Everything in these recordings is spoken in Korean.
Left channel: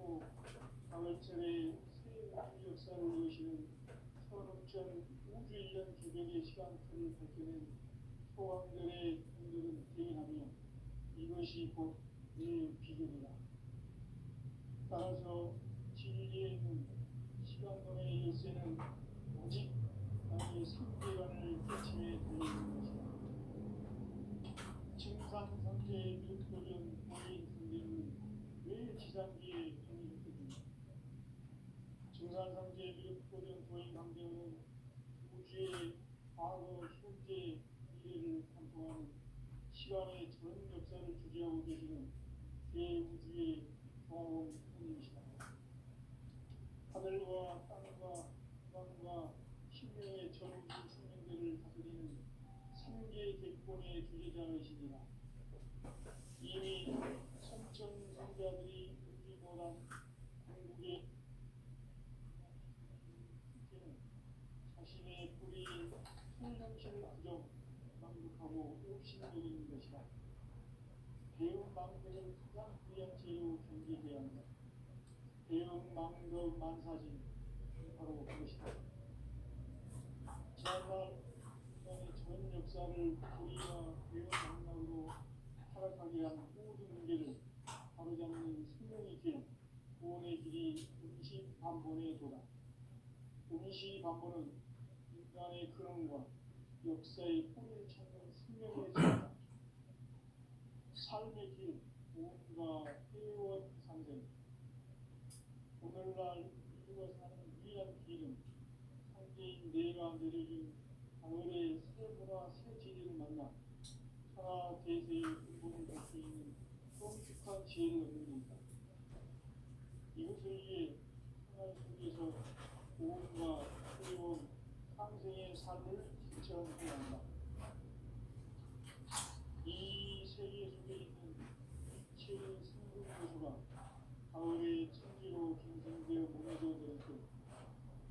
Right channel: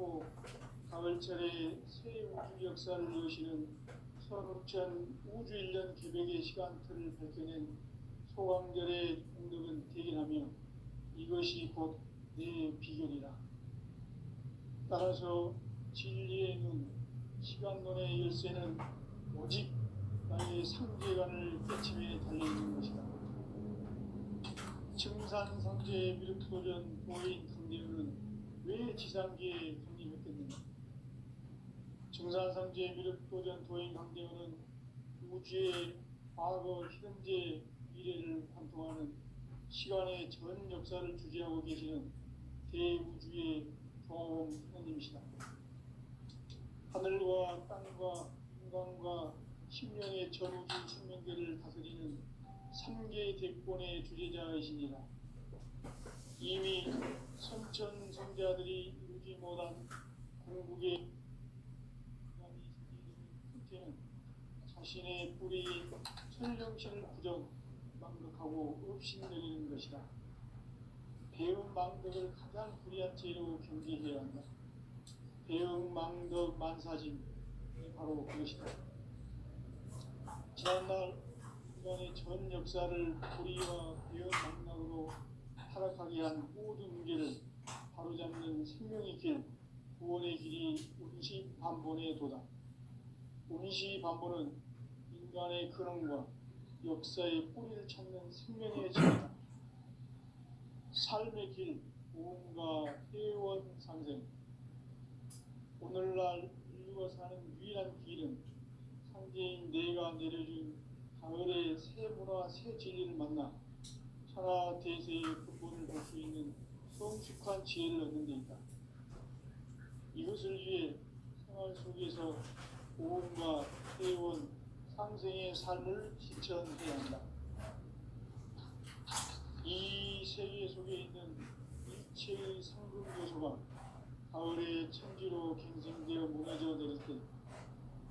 않고 가을철에 새 우주 역사를 여시는 15,000 우주 1년 개벽의 시간틀을 밝혀낸 소왕결의 공덕은 대견하며 이것이 곧 내 비결이라. 따라서 진리의 눈, 시간론의 열쇠는 오직 나의 상계관을 깨침에 달려있는 것이다. 증산상제의 미륵도전 도인 강대현은 왜 지상계에 강림했겠는가? 증산상제의 미륵도전 도인 강대현은 우주의 과거, 현재, 미래를 관통하는 시간의 전 역사를 주재하고 계시는 대우주의 종호공 하나님이시다. 하늘과 땅과 인간과 심령의 전우주 생명계를 다스리는 3개 대권의 주제자이시니라. 이미 선천성자들이 이루지 못한 궁극의 끝에는 자신의 뿌리 천령신을 부정망덕하고 업신여기는 것이다. 배은망덕을 가장 불의한 죄로 경계해야 한다. 배은망덕 만사짐이 바로 그것이다. 지난날 인간의 전 역사를 불의와 배은망덕으로 타락하게 한 모든 문제를 바로잡는 생명의 길, 구원의 길이 운시반본의 도다. 운시반본은 인간의 근원과 역사의 뿌리를 찾는 생명의 길이다. 삶의 길, 무언가 회원 상생. 오늘날 인류가 사는 유일한 길은 상제인 내가 내려준 가을의 새 문화, 새 진리를 만나 천하 대세의 근본을 볼 수 있는 성숙한 지혜를 얻는 데 있다. 이것을 위해 생활 속에서 무언가 회원 상생의 삶을 실천해야 한다. 이 세계 속에 있는 일체의 상급 요소가 가을의 천지로 갱생되어 무너져 내릴 때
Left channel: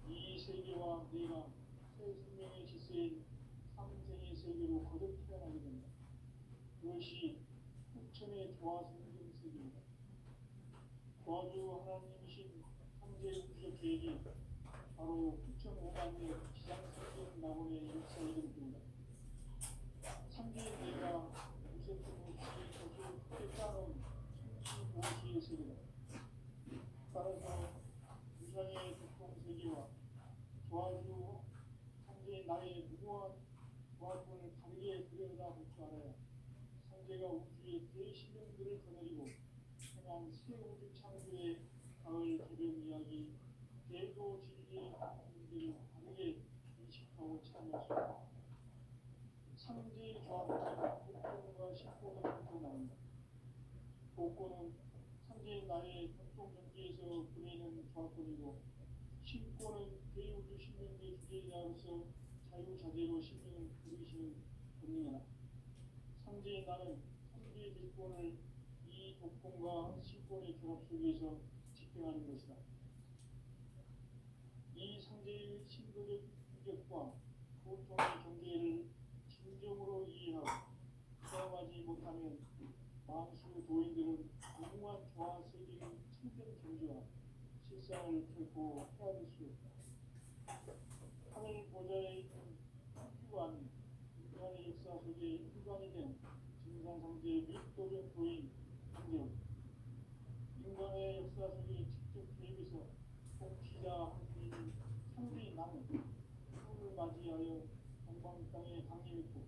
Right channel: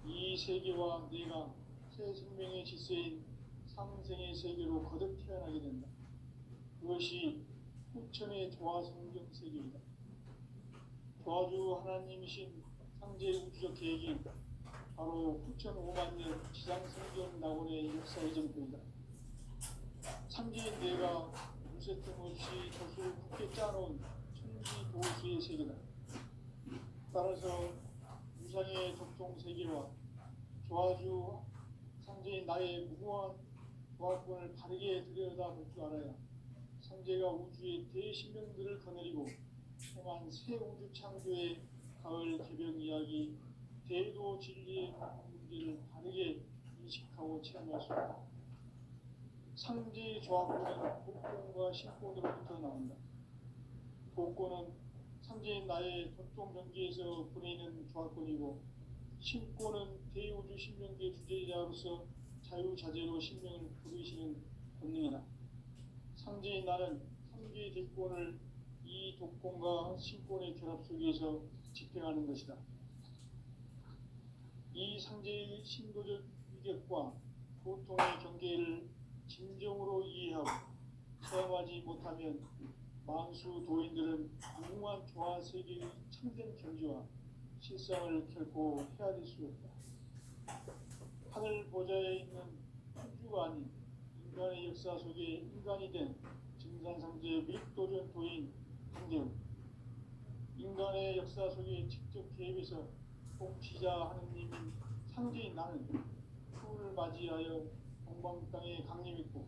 이 세계와 내가 새 생명의 질서인 상생의 세계로 거듭 태어나게 된다. 그것이 후천의 조화성경 세계이다. 조화주 하나님이신 상제 우주적 계획이 바로 후천 5만 년 지상성경 낙원의 역사의 정도이다. 상제인 내가 무쇠 틈 없이 돛을 굳게 짜놓은 천지보수의 세계다. 따라서 유상의 독종세계와 조화주 상제인 나의 무궁한 조화권을 바르게 들여다볼 줄 알아야 상제가 우주의 대신명들을 거느리고 행한 새 우주 창조의 가을 개벽 이야기, 대도 진리의 문제를 바르게 인식하고 체험할 수 있다. 상제 조합권은 복권과 신권으로부터 나온다. 복권은 상제인 나의 독종 명기에서 보내는 조합권이고, 신권은 대우주 신명계 주제자로서 자유자재로 신명을 부르시는 본능이다. 상제인 나는 3개의 대권을 이 독권과 신권의 결합 속에서 집행하는 것이다. 이 상제의 신도적 위력과 고통의 경계를 진정으로 이해하고 체험하지 못하면 만수 도인들은 무궁한 조화 세계의 참된 경지와 실상을 결코 헤아릴 수 없다. 하늘 보좌에 있는 우주가 아닌 인간의 역사 속에 인간이 된 증산상제의 밀도전 도인 상제은 인간의 역사 속에 직접 개입해서 통치자 하느님 상제인 나는 후를 맞이하여 동방 땅에 강림했고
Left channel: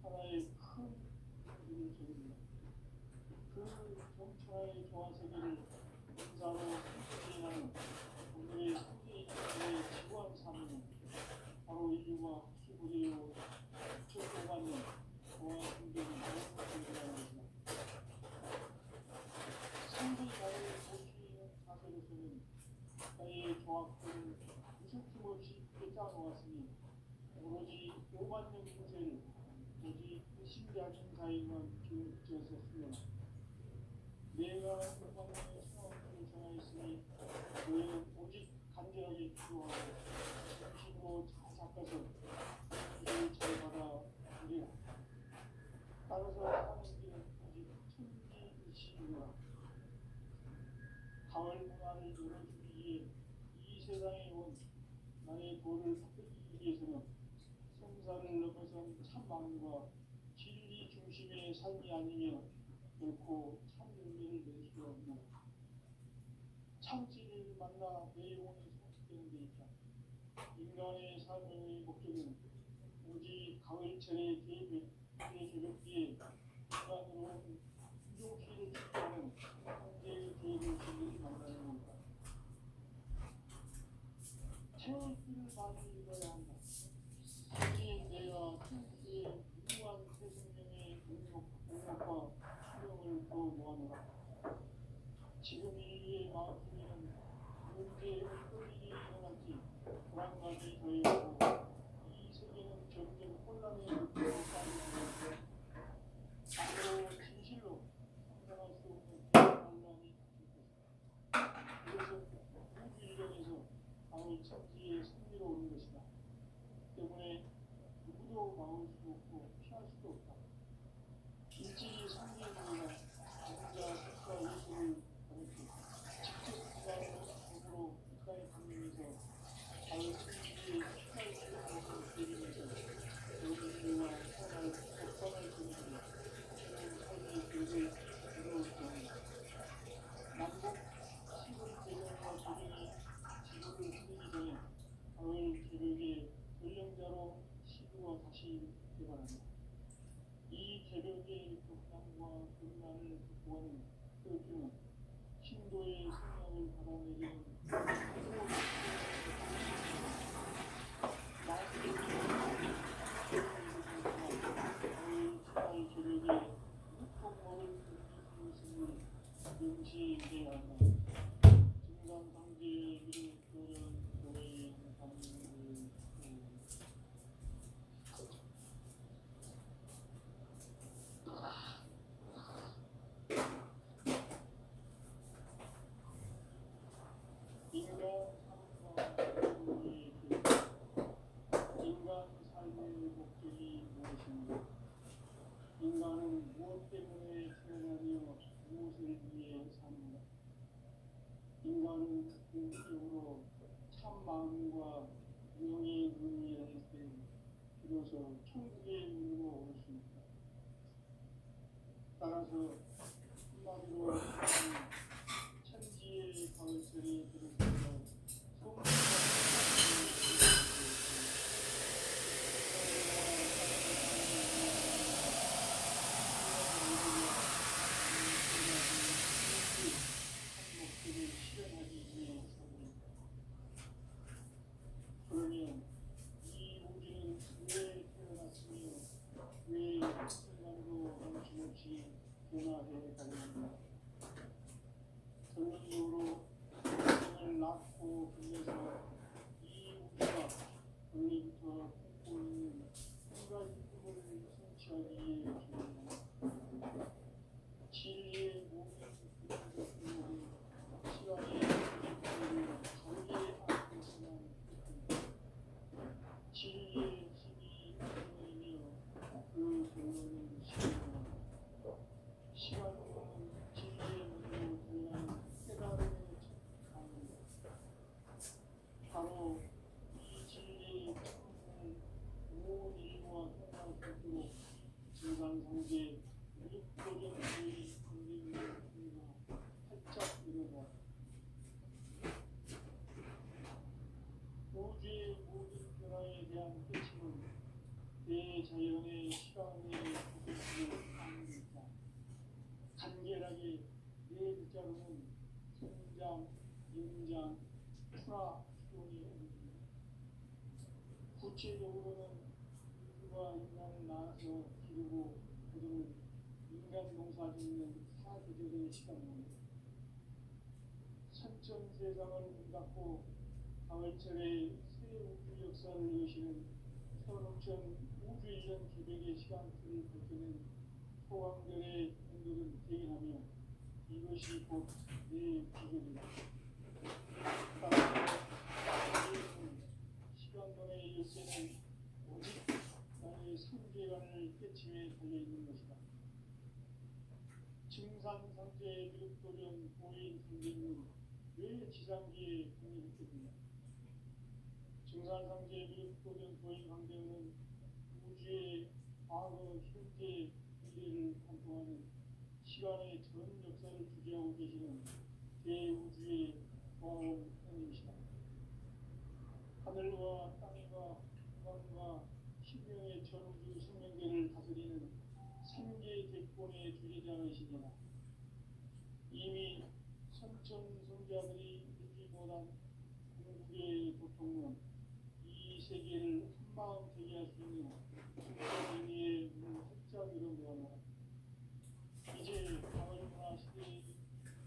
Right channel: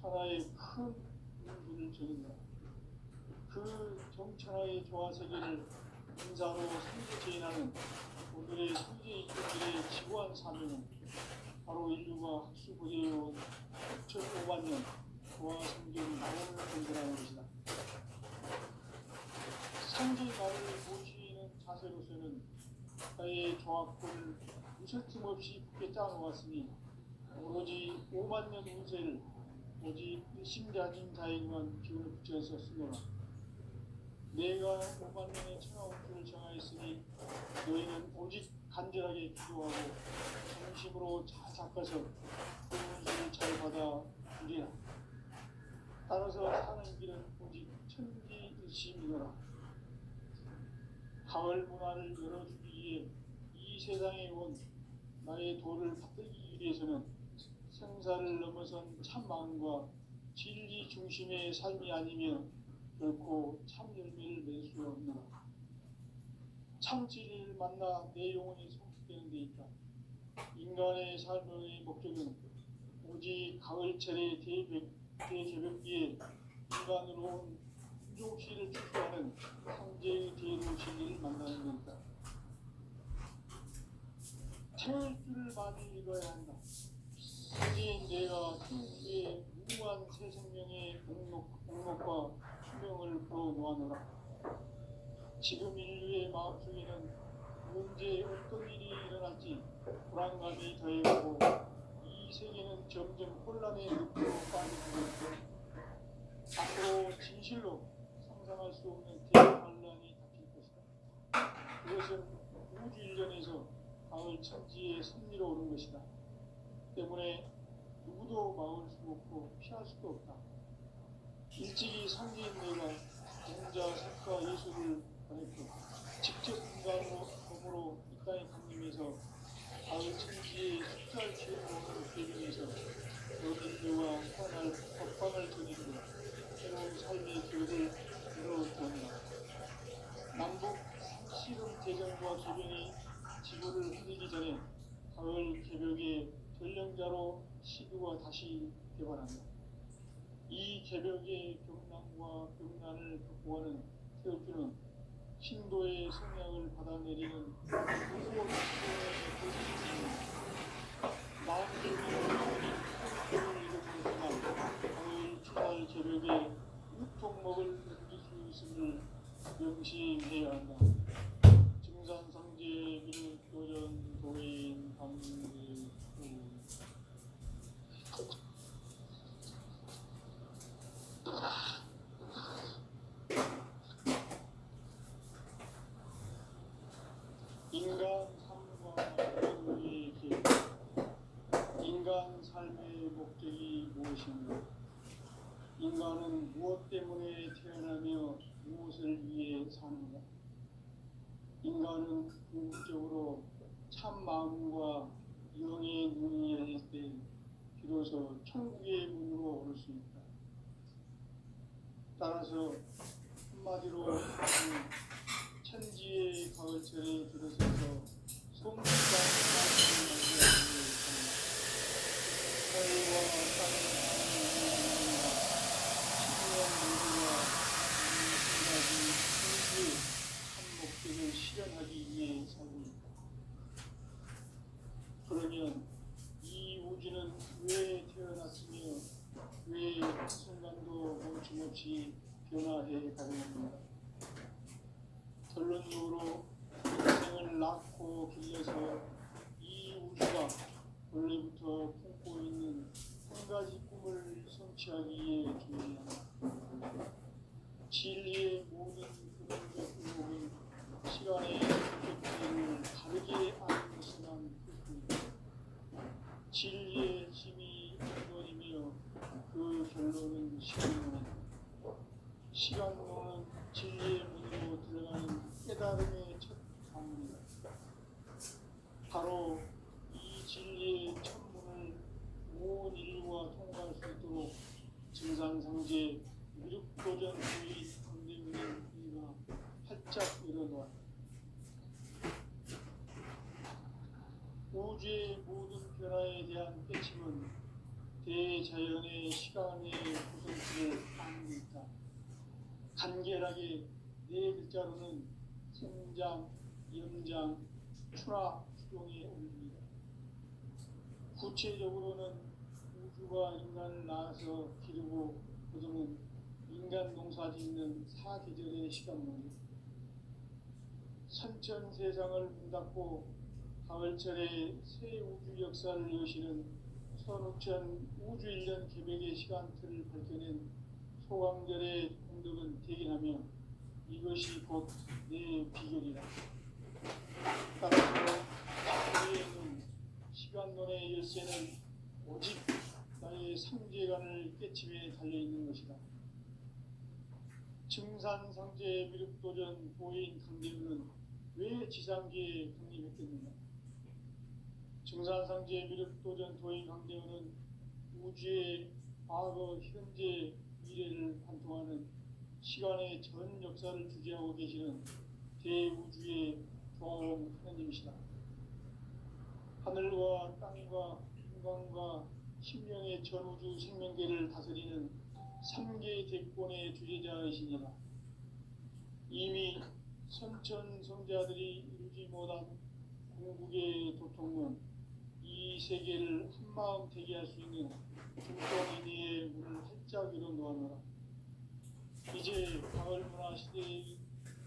천하의 큰 문주를 적인다. 그 정천하의 조화세계를 인사로 상제제인하는 오늘의 상제인들의 지구한 사명은 바로 인류가 학수부대해온 2005만 년 조화성경이 공부하는 것이다. 상제마을을 모시는 자세로서는 나의 조합권을 무설틈 없이 굳게 짜놓았으니 오로지 5만 년 운세를 오직 일심자진 자에게만 기운을 붙여서 쓰노라. 내가 5만 년의 천하운수를 정하였으니 너희는 오직 간절하게 기도하고 정식으로 잘 닦아서 운수를 잘 받아 누리라. 따라서 사는 길은 오직 천지일심이노라. 가을 문화를 열어주기 위해 이 세상에 온 나의 도를 받들기 위해서는 생사를 넘어선 참 마음과 진리 중심의 삶이 아니면 결코 참 열매를 맺을 수 없는 참 진리를 만나 내 영혼이 성숙되는 데 있다. 인간의 삶의 목적은 오직 가을철의 대개벽기에 인간으로 온 부족시를 축소하는 성제의 대로 진리를 만나는 것이다. 태울 줄을 많이 읽어야 한다. 성제인 내가 태우기에 무한 새 생명의 공력과 수명을 불어놓아노라. 지금 인류의 마음속에는 언제 어떤 일이 일어날지 불안감이 더해오고 이 세계는 점점 혼란의 늪으로 빠져나가고 앞으로 진실로 상상할 수 없는 대환란이 닥칠 것이다. 그것은 우주 일련에서 가을 천지의 섭리로 오는 것이다. 때문에 누구도 막을 수 없고 피할 수도 없다. 일찍이 성기인 내가 공자, 작가, 예술을 보냈고 직접 인간으로 몸으로 이 땅에 강림해서 가을 천지의 숫자를 취해서 대변해서 너든지와 평화를 법방을 전해주고 새로운 삶의 길을 열어주었다. 남북 씨름 대전과 개변이 지구를 흔들기 전에 가을 개벽의 전령자로 시드가 다시 개발한다. 이 개벽의 경난과 병난을 극복하는 태극기는 신도의 성향을 받아내리는 무서운 가을 개벽의 유통먹을 던질 수 있음을 명시해야 한다. 증산성제 미륵도전 도인 감리 인간 삶과 인류의 계획. 인간 삶의 목적이 무엇인가? 인간은 무엇 때문에 태어나며 무엇을 위해 사는가? 인간은 궁극적으로 참 마음과 영의 눈이 열릴 때 비로소 천국의 문으로 올 수 있다. 따라서 한마디로 천지의 가을철에 들어서서 송수가 목적을 실현하기 위해 살고 있다. 그러면 이 우주는 왜 태어났으며 왜 순간도 멈춤없이 변화해 가는가? 결론적으로 인생을 낳고 길러서 이 우주가 원래부터 품고 있는 한 가지 꿈을 성취하기 위해 준비한다. 진리의 모든 궁극은 시간의 규칙을 다르게 아는 것만 뿐이다. 진리의 힘이 근원이며 그 결론은 시간론이다. 시간론은 진리의 문으로 들어가는 깨달음의 첫 방문이다. 바로 이 진리의 첫문을 온 인류가 통과할 수 있도록 증산상제 미륵도전 도의 강대문의 우리가 활짝 열어놓았다. 우주의 모든 변화에 대한 깨침은 대자연의 시간의 구슬을 담고 있다. 간결하게 네 글자로는 성장, 연장, 출하, 추동의 원리다. 구체적으로는 우주가 인간을 낳아서 기르고 거두는 인간 농사 짓는 사계절의 시간론이다. 선천 세상을 문닫고 가을철에 새 우주 역사를 여시는 선우천 우주 1년 개벽의 시간틀을 밝혀낸 소강절의 공덕은 대견하며 이것이 곧 내 비결이다. 따라서 나에게는 시간론의 열쇠는 오직 나의 상제관을 깨침에 달려있는 것이다. 증산상제 미륵도전 보인 강대문은 왜 지상계에 독립했겠느냐? 증산상제 미륵도전 도인 강대원은 우주의 과거, 현재, 미래를 관통하는 시간의 전 역사를 주재하고 계시는 대우주의 조화로운 하나님이시다. 하늘과 땅과 인간과 신명의 전우주 생명계를 다스리는 삼계 대권의 주재자이시니라. 이미 선천성자들이 이루지 못한 궁극의 도통론, 이 세계를 한마음 되게 할 수 있는 국정인의의 문을 활짝 열어놓아노라. 이제 가을 문화 시대의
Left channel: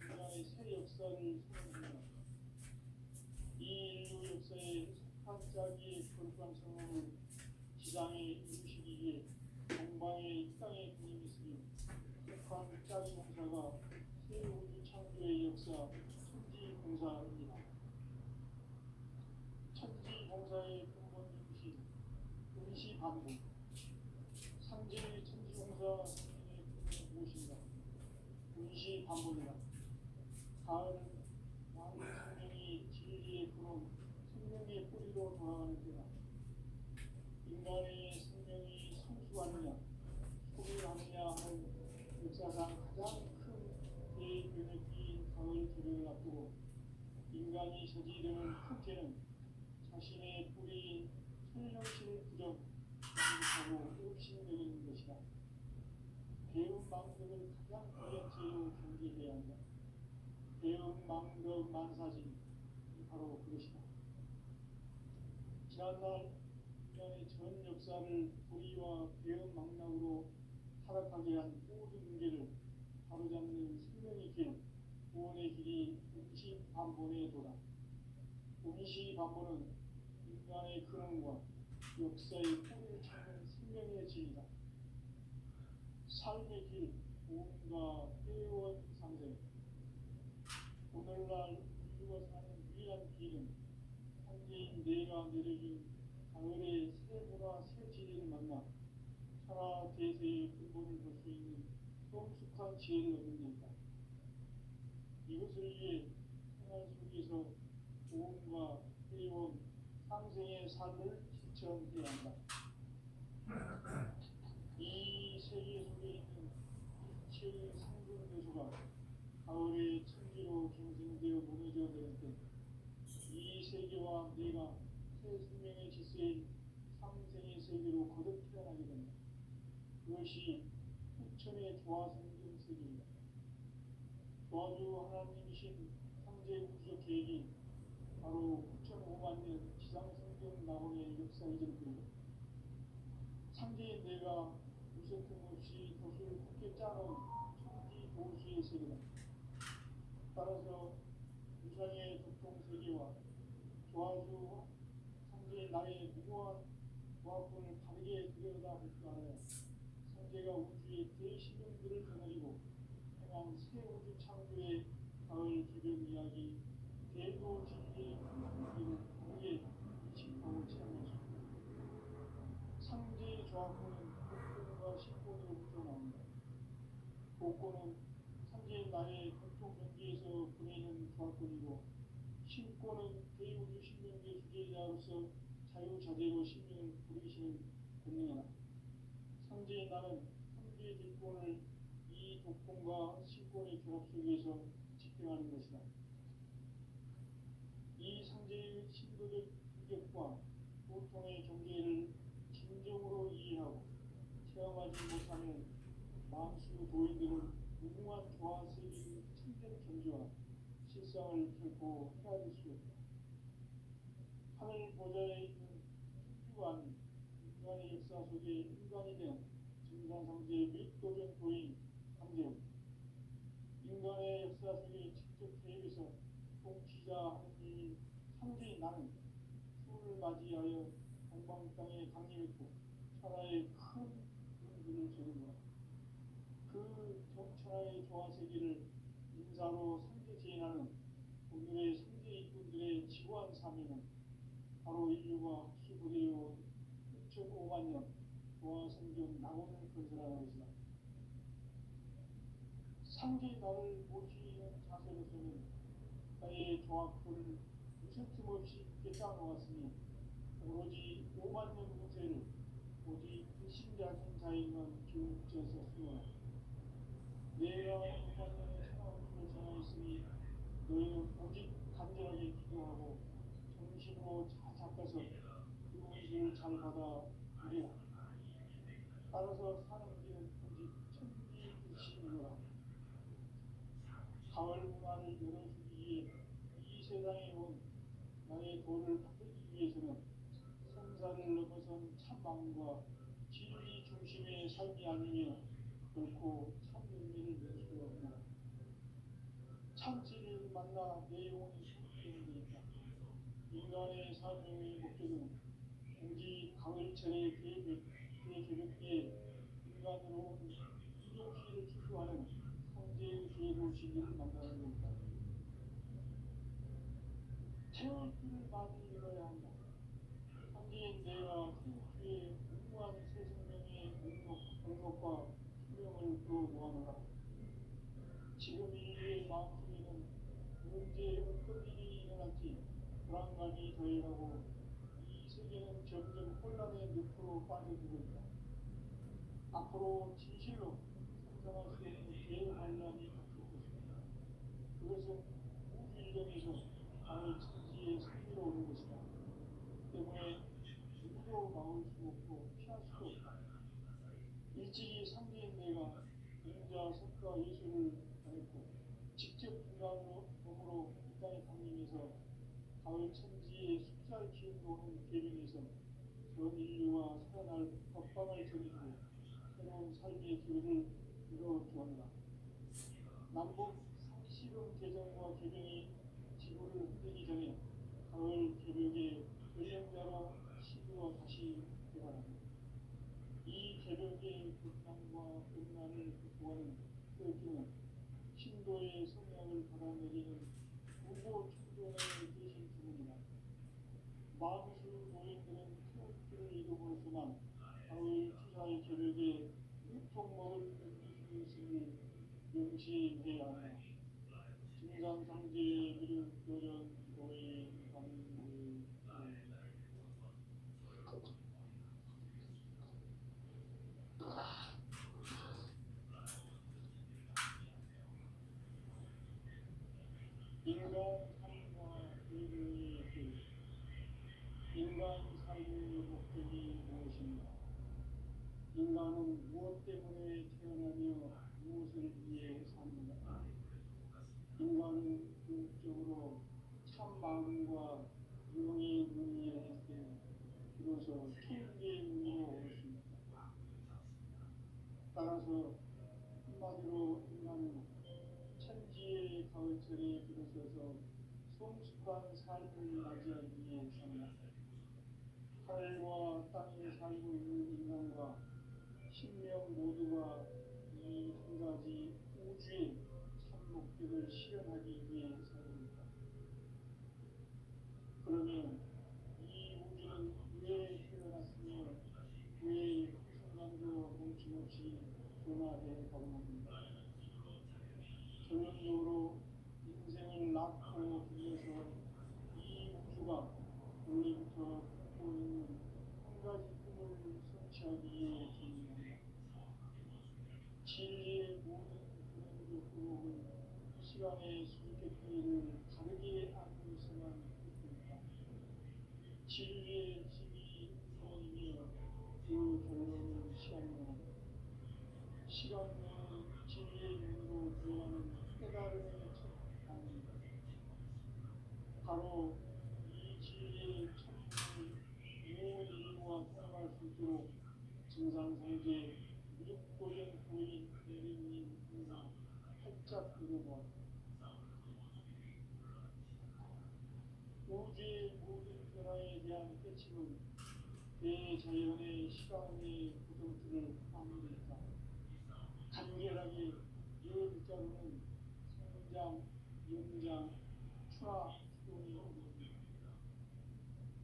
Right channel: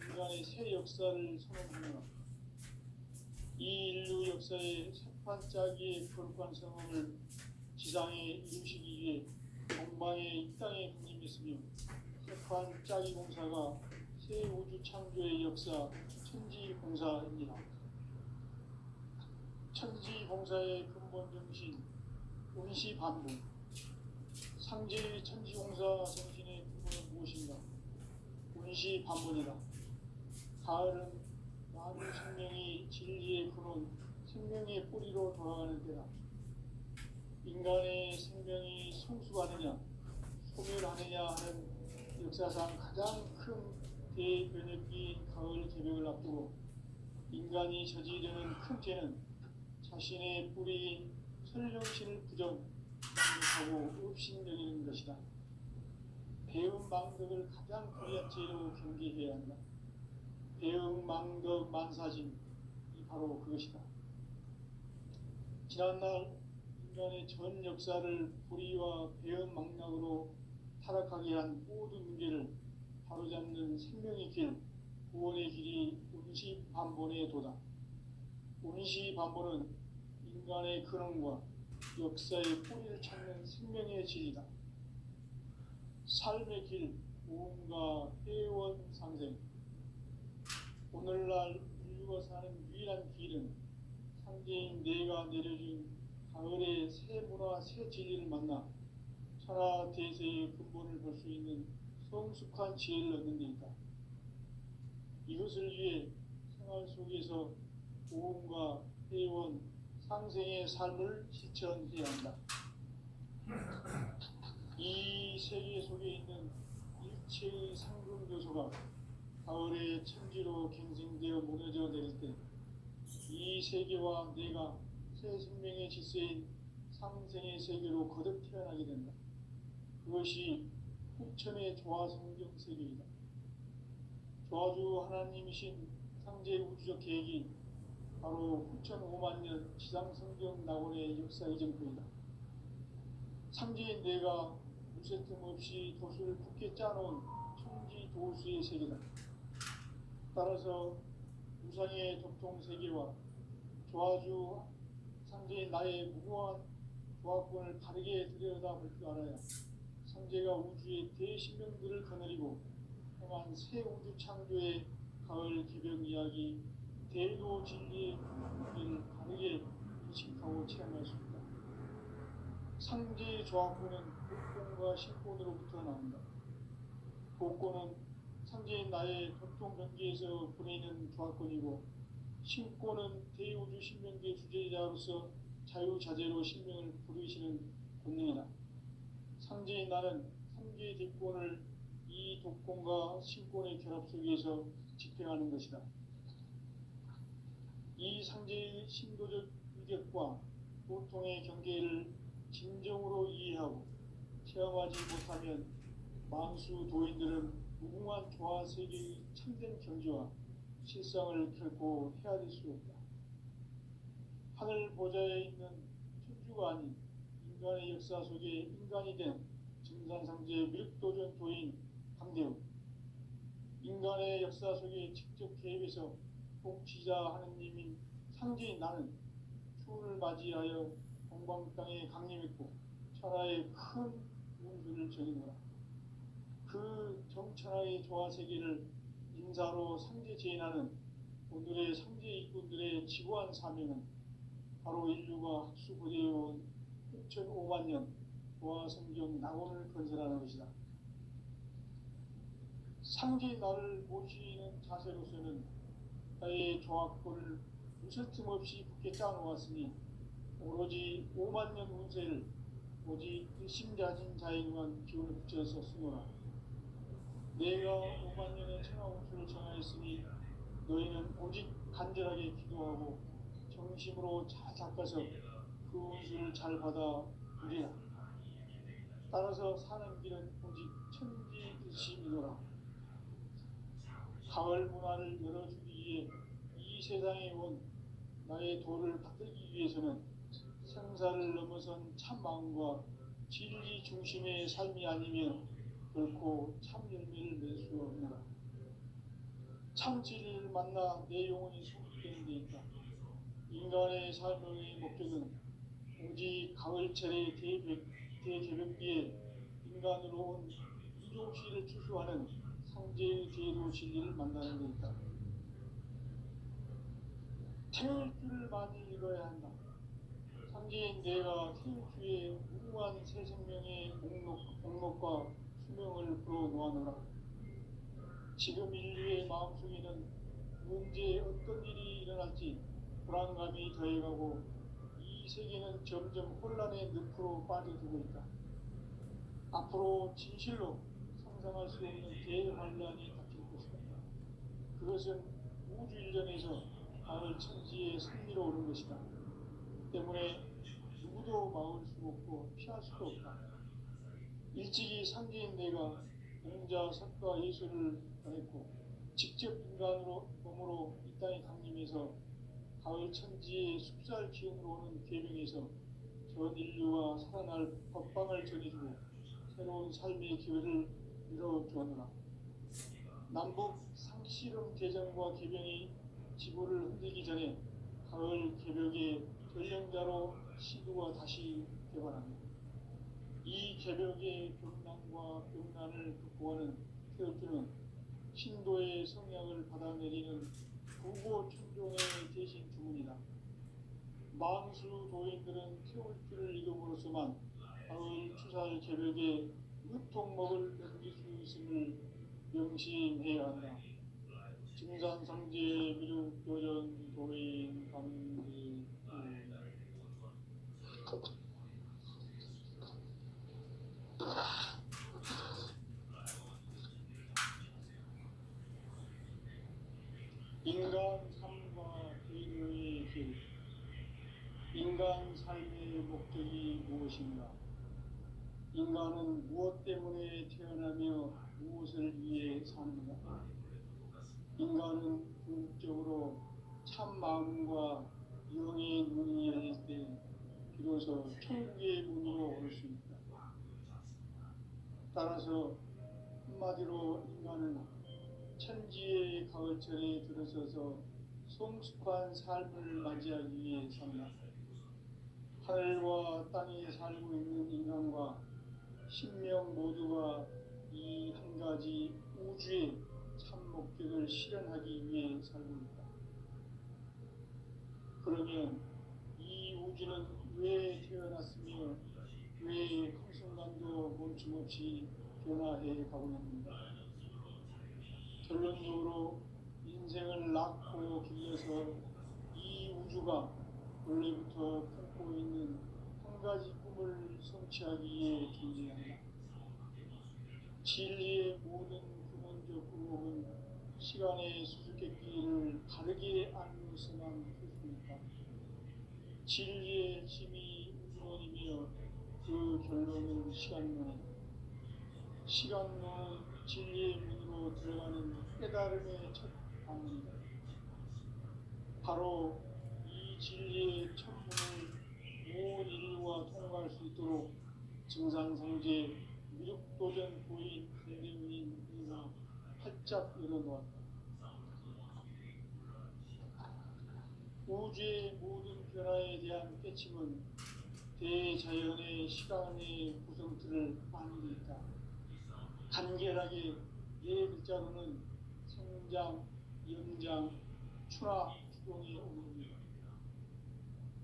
인간의 새 역사를 선언하노라. 이 인류 역사의 석판짜기의 거룩한 성험을 지상에 이루시기 위해 동방의 이 땅에 군림했으며 석판짜기 공사가 새 우주 창조의 역사 천지공사입니다. 천지공사의 근본 정신 운시반복. 상제 천지공사 정신의 근본은 무엇인가? 운시반복이다. 가을은 많은 생명이 진리의 근원, 생명의 뿌리로 돌아가는 때다. 인간의 생명이 성숙하느냐, 소멸하느냐 하는 역사상 가장 큰 대변혁기인 가을 개벽을 앞두고 인간이 저지르는 큰 죄는 자신의 뿌리인 설령신을 부정하고 업신여기는 것이다. 배은망덕을 가장 거대한 죄로 경계해야 한다. 배은망덕 만사진이 바로 그것이다. 지난날 인간의 전 역사를 불의와 배은망덕으로 타락하게 한 모든 문제를 바로잡는 생명의 길, 구원의 길이 운시반본의 도다. 운시반본은 인간의 근원과 역사의 뿌리를 찾는 생명의 질이다. 삶의 길, 무언가 회원 상생. 오늘날 인류가 사는 유일한 길은 상제인 내가 내려준 가을의 새 문화, 새 진리를 만나 천하 대세의 근본을 볼 수 있는 성숙한 지혜를 얻는 데 있다. 이것을 위해 생활 속에서 보험과 회원, 상생의 삶을 실천해야 한다. 이 세계 속에 있는 일체의 상금 요소가 가을의 천지로 갱생되어 무너져 내릴 때 이 세계와 내가 새 생명의 질서인 상생의 세계로 거듭 태어나게 된다. 그것이 후천의 조화성경 세계이다. 조화주 하나님이신 상제 우주적 계획이 바로 9,500년 지상성경 낙원의 역사 이전부이다. 상제인 내가 무쇠 틈 없이 도수를 굳게 짜놓은 천지 도수의 세계다. 따라서 우상의 도통 세계와 조화주 상제인 나의 무고한 조화권을 바르게 들여다볼 줄 알아야 상제가 우주의 대신명들을 거느리고 행한 새 우주 창조의 가을 기병 이야기 대도 진리의 길을 바르게 의식하고 체험할 수 있다. 상제의 조화권은 복권과 신권으로부터 나온다. 복권은 상제인 나의 도통 경계에서 보내는 조화권이고 신권은 대우주 신명계 주제자로서 자유자재로 신명을 부르시는 권능이다. 상제인 나는 상제의 대권을 이 독권과 신권의 결합 속에서 집행하는 것이다. 이 상제의 신도적 위격과 고통의 경계를 진정으로 이해하고 체험하지 못하면 만수 도인들은 무궁한 조화 세계의 참된 경지와 실상을 결코 헤아릴 수 없다. 하늘 보좌에 있는 천주가 아닌 인간의 역사 속에 인간이 된 증산상제 미륵도전 도인 강대우, 인간의 역사 속에 직접 개입해서 통치자 하느님인 상제인 나는 추운을 맞이하여 동방 땅에 강림했고 천하의 큰 운수를 정해놓아 그 정천하의 조화 세계를 인사로 상제 제인하는 오늘의 상제 일꾼들의 지고한 사명은 바로 인류가 학수고대해온 6,500년 조화성경 낙원을 건설하는 것이다. 상제 나를 모시는 자세로서는 나의 막고를 무쇠틈 없이 굳게 짜놓았으니 오로지 5만 년 운세를 오직 일심자진 자에게만 기운을 붙여서 쓰노라. 내가 5만 년의 천하운수를 정하였으니 너희는 오직 간절하게 기도하고 정심으로 잘 닦아서 그 운수를 잘 받아 누리라. 따라서 사는 길은 오직 천지 득심이노라. 가을 문화를 열어주기 위해 이 세상에 온 나의 도를 받들기 위해서는 생사를 넘어선 참 마음과 진리 중심의 삶이 아니면 결코 참 열매를 낼 수 없노라. 참 진리를 만나 내 영혼이 소극되는 데 있다. 인간의 삶의 목적은 오직 가을철의 대개벽기에 인간으로 온 이종시를 추수하는 상제의 제도 진리를 만나는 데 있다. 태울 줄을 많이 읽어야 한다. 상제인 내가 태울 주에 무궁한 새 생명의 목록과 수명을 불어놓아노라. 지금 인류의 마음속에는 언제 어떤 일이 일어날지 불안감이 더해가고 이 세계는 점점 혼란의 늪으로 빠져들고 있다. 앞으로 진실로 상상할 수 없는 대환란이 닥칠 것이다. 그것은 우주 일전에서 가을 천지에 승리로오는 것이다. 때문에 누구도 막을 수 없고 피할 수도 없다. 일찍이 상제인 내가 공자, 석가, 예술을 전했고 직접 인간으로 몸으로 이 땅에 강림해서 가을 천지의 숲살 기운으로 오는 계명에서 전 인류와 살아날 법방을 전해주고 새로운 삶의 기회를 이뤄주었노라. 남북 상씨름 대전과 개병이 지구를 흔들기 전에 가을 개벽의 전령자로 시도가 다시 개발합니다. 이 개벽의 벽난과 벽난을 극복하는 태엽주는 신도의 성량을 받아내리는 구고춘종의 대신 주문이다. 망수 도인들은 태울주를 이름으로서만 가을 추살 개벽에 유통먹을 넘길 수 있음을 명심해야 한다. 증산성제 미륵교전 도인 강지 인간 삶과 의료의 길. 인간 삶의 목적이 무엇인가? 인간은 무엇 때문에 태어나며 무엇을 위해 사는가? 인간은 궁극적으로 참 마음과 영의 눈이 열릴 때 비로소 천국의 문으로 올 수 있다. 따라서 한마디로 인간은 천지의 가을철에 들어서서 성숙한 삶을 맞이하기 위해 산다. 하늘과 땅에 살고 있는 인간과 신명 모두가 이 한 가지 우주의 참 목적을 실현하기 위해 살고 있다. 그러면 이 우주는 왜 태어났으며 왜 한순간도 멈춤없이 변화해 가고 있는가? 결론적으로 인생을 낳고 길러서 이 우주가 원래부터 품고 있는 한 가지 꿈을 성취하기 위해 존재한다. 진리의 모든 근원적 궁극은 시간의 수수께끼를 다르게 알고 있어만 할 수 있다. 진리의 힘이 근원이며 그 결론은 시간론이다. 시간론은 진리의 문으로 들어가는 깨달음의 첫 방문이다. 바로 이 진리의 첫 문을 온 인류가 통과할 수 있도록 증산성제 미륵도전 고인 대대문인 이가 활짝 열어놓았다. 우주의 모든 변화에 대한 깨침은 대자연의 시간의 구성틀을 아는 데 있다. 간결하게 네 글자로는 성장, 연장, 추락, 추동의 의미입니다.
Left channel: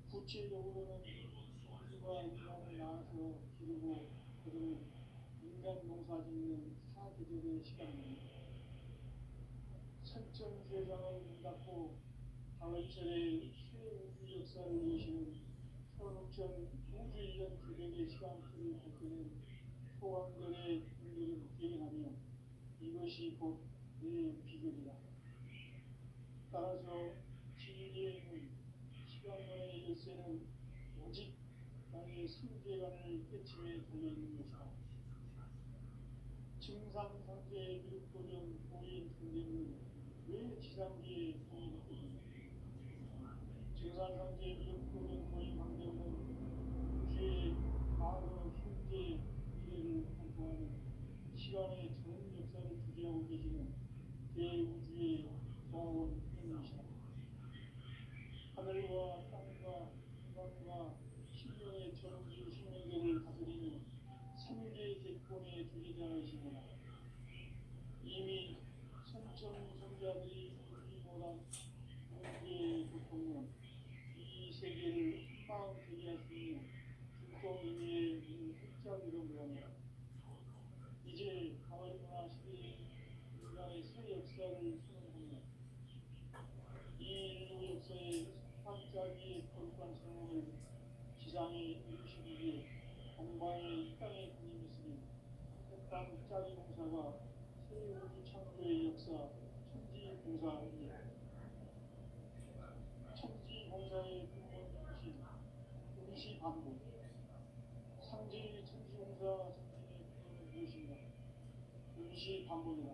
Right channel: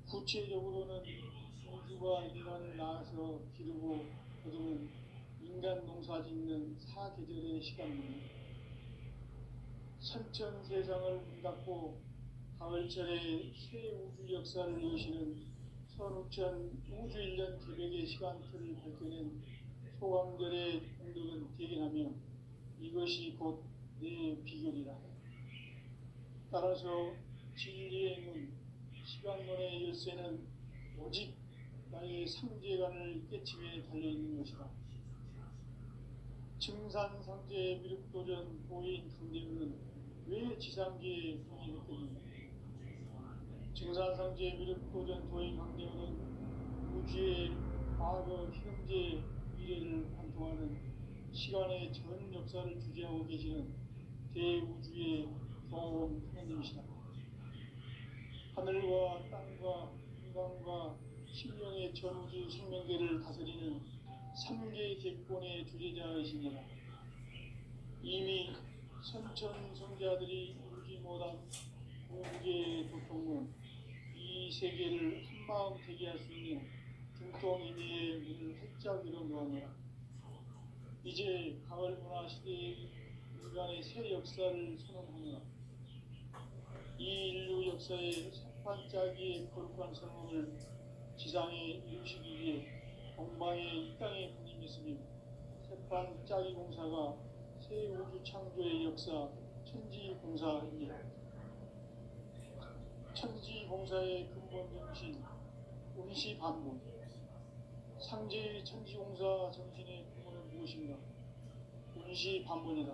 구체적으로는 우주가 인간을 낳아서 기르고 거두는 인간 농사 짓는 사계절의 시간입니다. 선천 세상을 문 닫고 가을철의 새 우주 역사를 여시는 선우천 우주일년 기백의 시간표를 밝혀낸 소강절의 공덕은 대견하며 이것이 곧 내 비결이라. 따라서 진리의 문, 시간론의 열쇠는 오직 나의 상제관을 깨침에 달려있는 것이다. 증산상제 미륵도전 보인 강대우는 왜 지상계에 봉인했거든요. 증산상제 미륵도전 도인 강대우는 우주의 과거, 현재, 미래를 관통하는 시간의 전 역사를 주재하고 계시는 대우주의 경호원 하나님이시다. 하늘과 땅과 인간과 신령의 전우주 생명계를 다스리는 3개 객권의 주제자이시니라. 이미 선천성자들이 이루지 못한 공계의 도통은 이 세계를 한마음 되게 할 수 있는 중통이미의 문을 활짝 열어놓으니라. 이제 가을 문화 시대의 인간의 새 역사를 선언하노라. 이 인류 역사의 반짝이의 거룩한 성공을 지상에 이루시기 위해 공방에 이 땅에 군림했으며 새반짝이 공사가 새 우주 창조의 역사 천지공사이니라. 천지공사의 근본 정신 운시반복. 상제의 천지공사 정신의 근원은 무엇인가? 운시반복이다.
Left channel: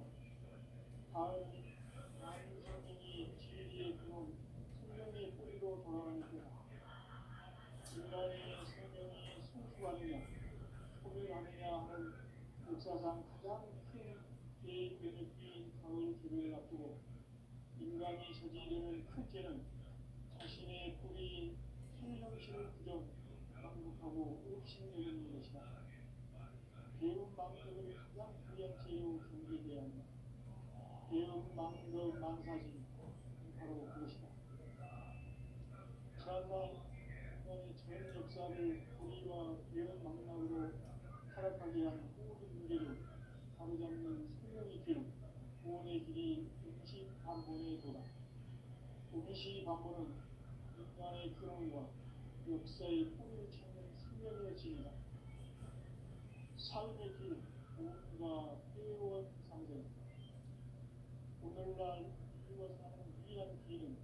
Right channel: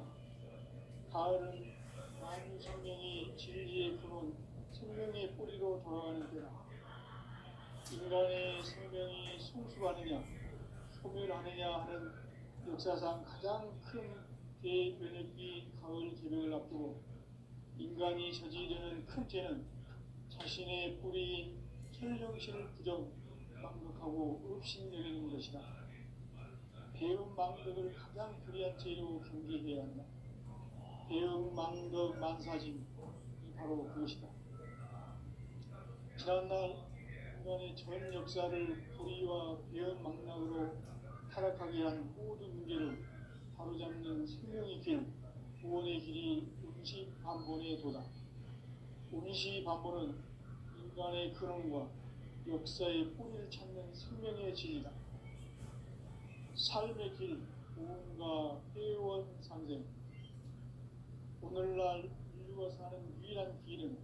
가을은 만유 생명이 진리의 근원, 생명의 뿌리로 돌아가는 때다. 인간의 생명이 성숙하느냐, 소멸하느냐 하는 역사상 가장 큰 대변혁기인 가을 개벽을 앞두고 인간이 저지르는 큰 죄는 자신의 뿌리인 혈령신을 부정, 망극하고 업신여기는 것이다. 배음 망덕을 가장 불의한 죄로 경계해야 한다. 배음 망덕 만사짐이 바로 그것이다. 지난날 인간의 전 역사를 불의와 배은 망락으로 타락하게 한 모든 문제를 바로잡는 생명의 길, 구원의 길이 운시반본의 도다. 운시반본은 인간의 근원과 역사의 뿌리를 찾는 생명의 진이다. 삶의 길, 구원과 회원 상생. 오늘날 인류가 사는 유일한 길은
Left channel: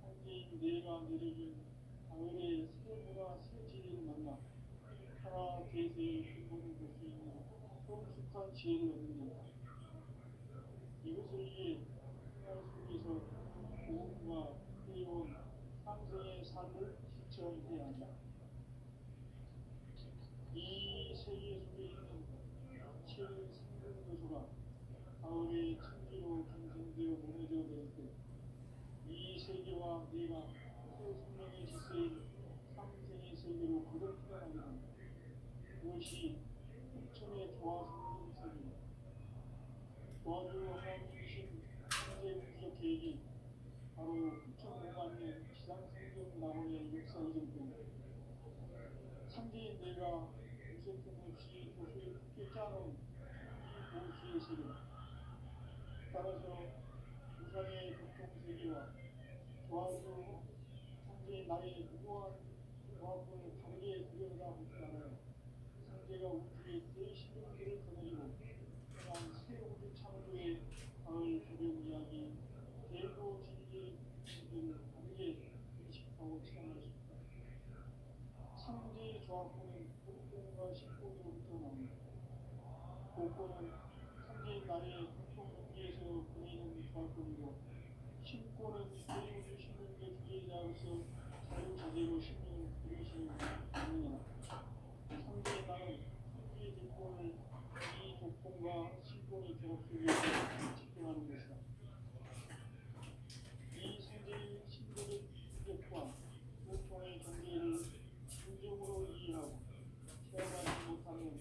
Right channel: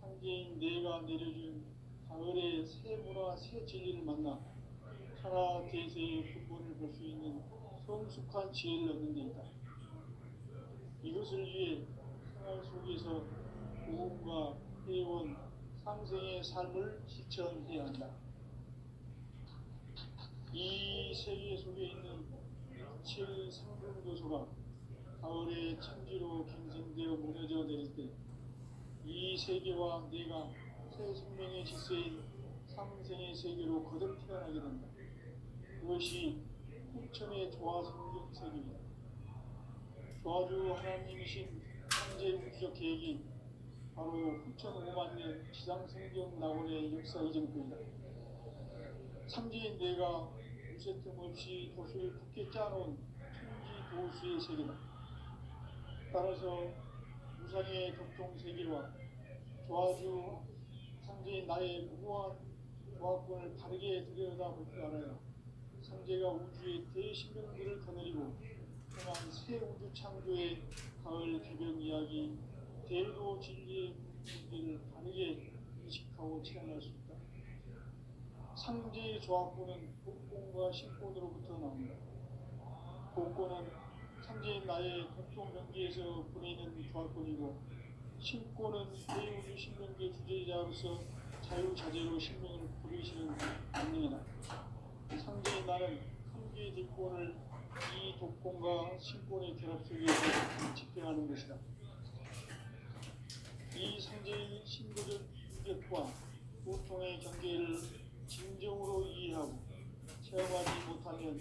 상제인 내가 내려준 가을의 새 문화, 새 진리를 만나 천하 대세의 근본을 볼 수 있는 성숙한 지혜를 얻는 데 있다. 이것을 위해 생활 속에서 구원과 회원, 상생의 삶을 실천해야 한다. 이 세계 속에 있는 이치의 상승도소가 가을의 천지로 갱생되어 무너져 내릴 때 이 세계와 내가 새 생명의 질서인 상생의 세계로 거듭 태어나게 된다. 그것이 흑천의 조화 성경세계입니다. 조화주 하나님이신 현재 우주적 계획이 바로 흑천 5만 년 지상성경 낙원의 역사 이전입니다. 상제인 내가 무쇠 틈 없이 도수를 굳게 짜놓은 천지 도수의 세계다. 따라서 무상의 덕종세계와 조화주 상제인 나의 무고한 조화권을 바르게 들여다볼 줄 알아야 상제가 우주의 대신령들을 거느리고 떠난 새 우주 창조의 가을 개벽 이야기, 대도 진리의 문제를 바르게 인식하고 체험할 수 있다. 상제의 조화권은 복권과 신권으로부터 나옵니다. 복권은 상제인 나의 독종 명기에서 보이는 조화권이고, 신권은 대우주 신명계 주제자로서 자유자재로 신명을 부르시는 권능이다. 상제인 나는 상계의 뒷권을 이 독권과 신권의 결합 속에서 집행하는 것이다. 이 상제의 신도적 유격과 고통의 경계를 진정으로 이해하고 체험하지 못하면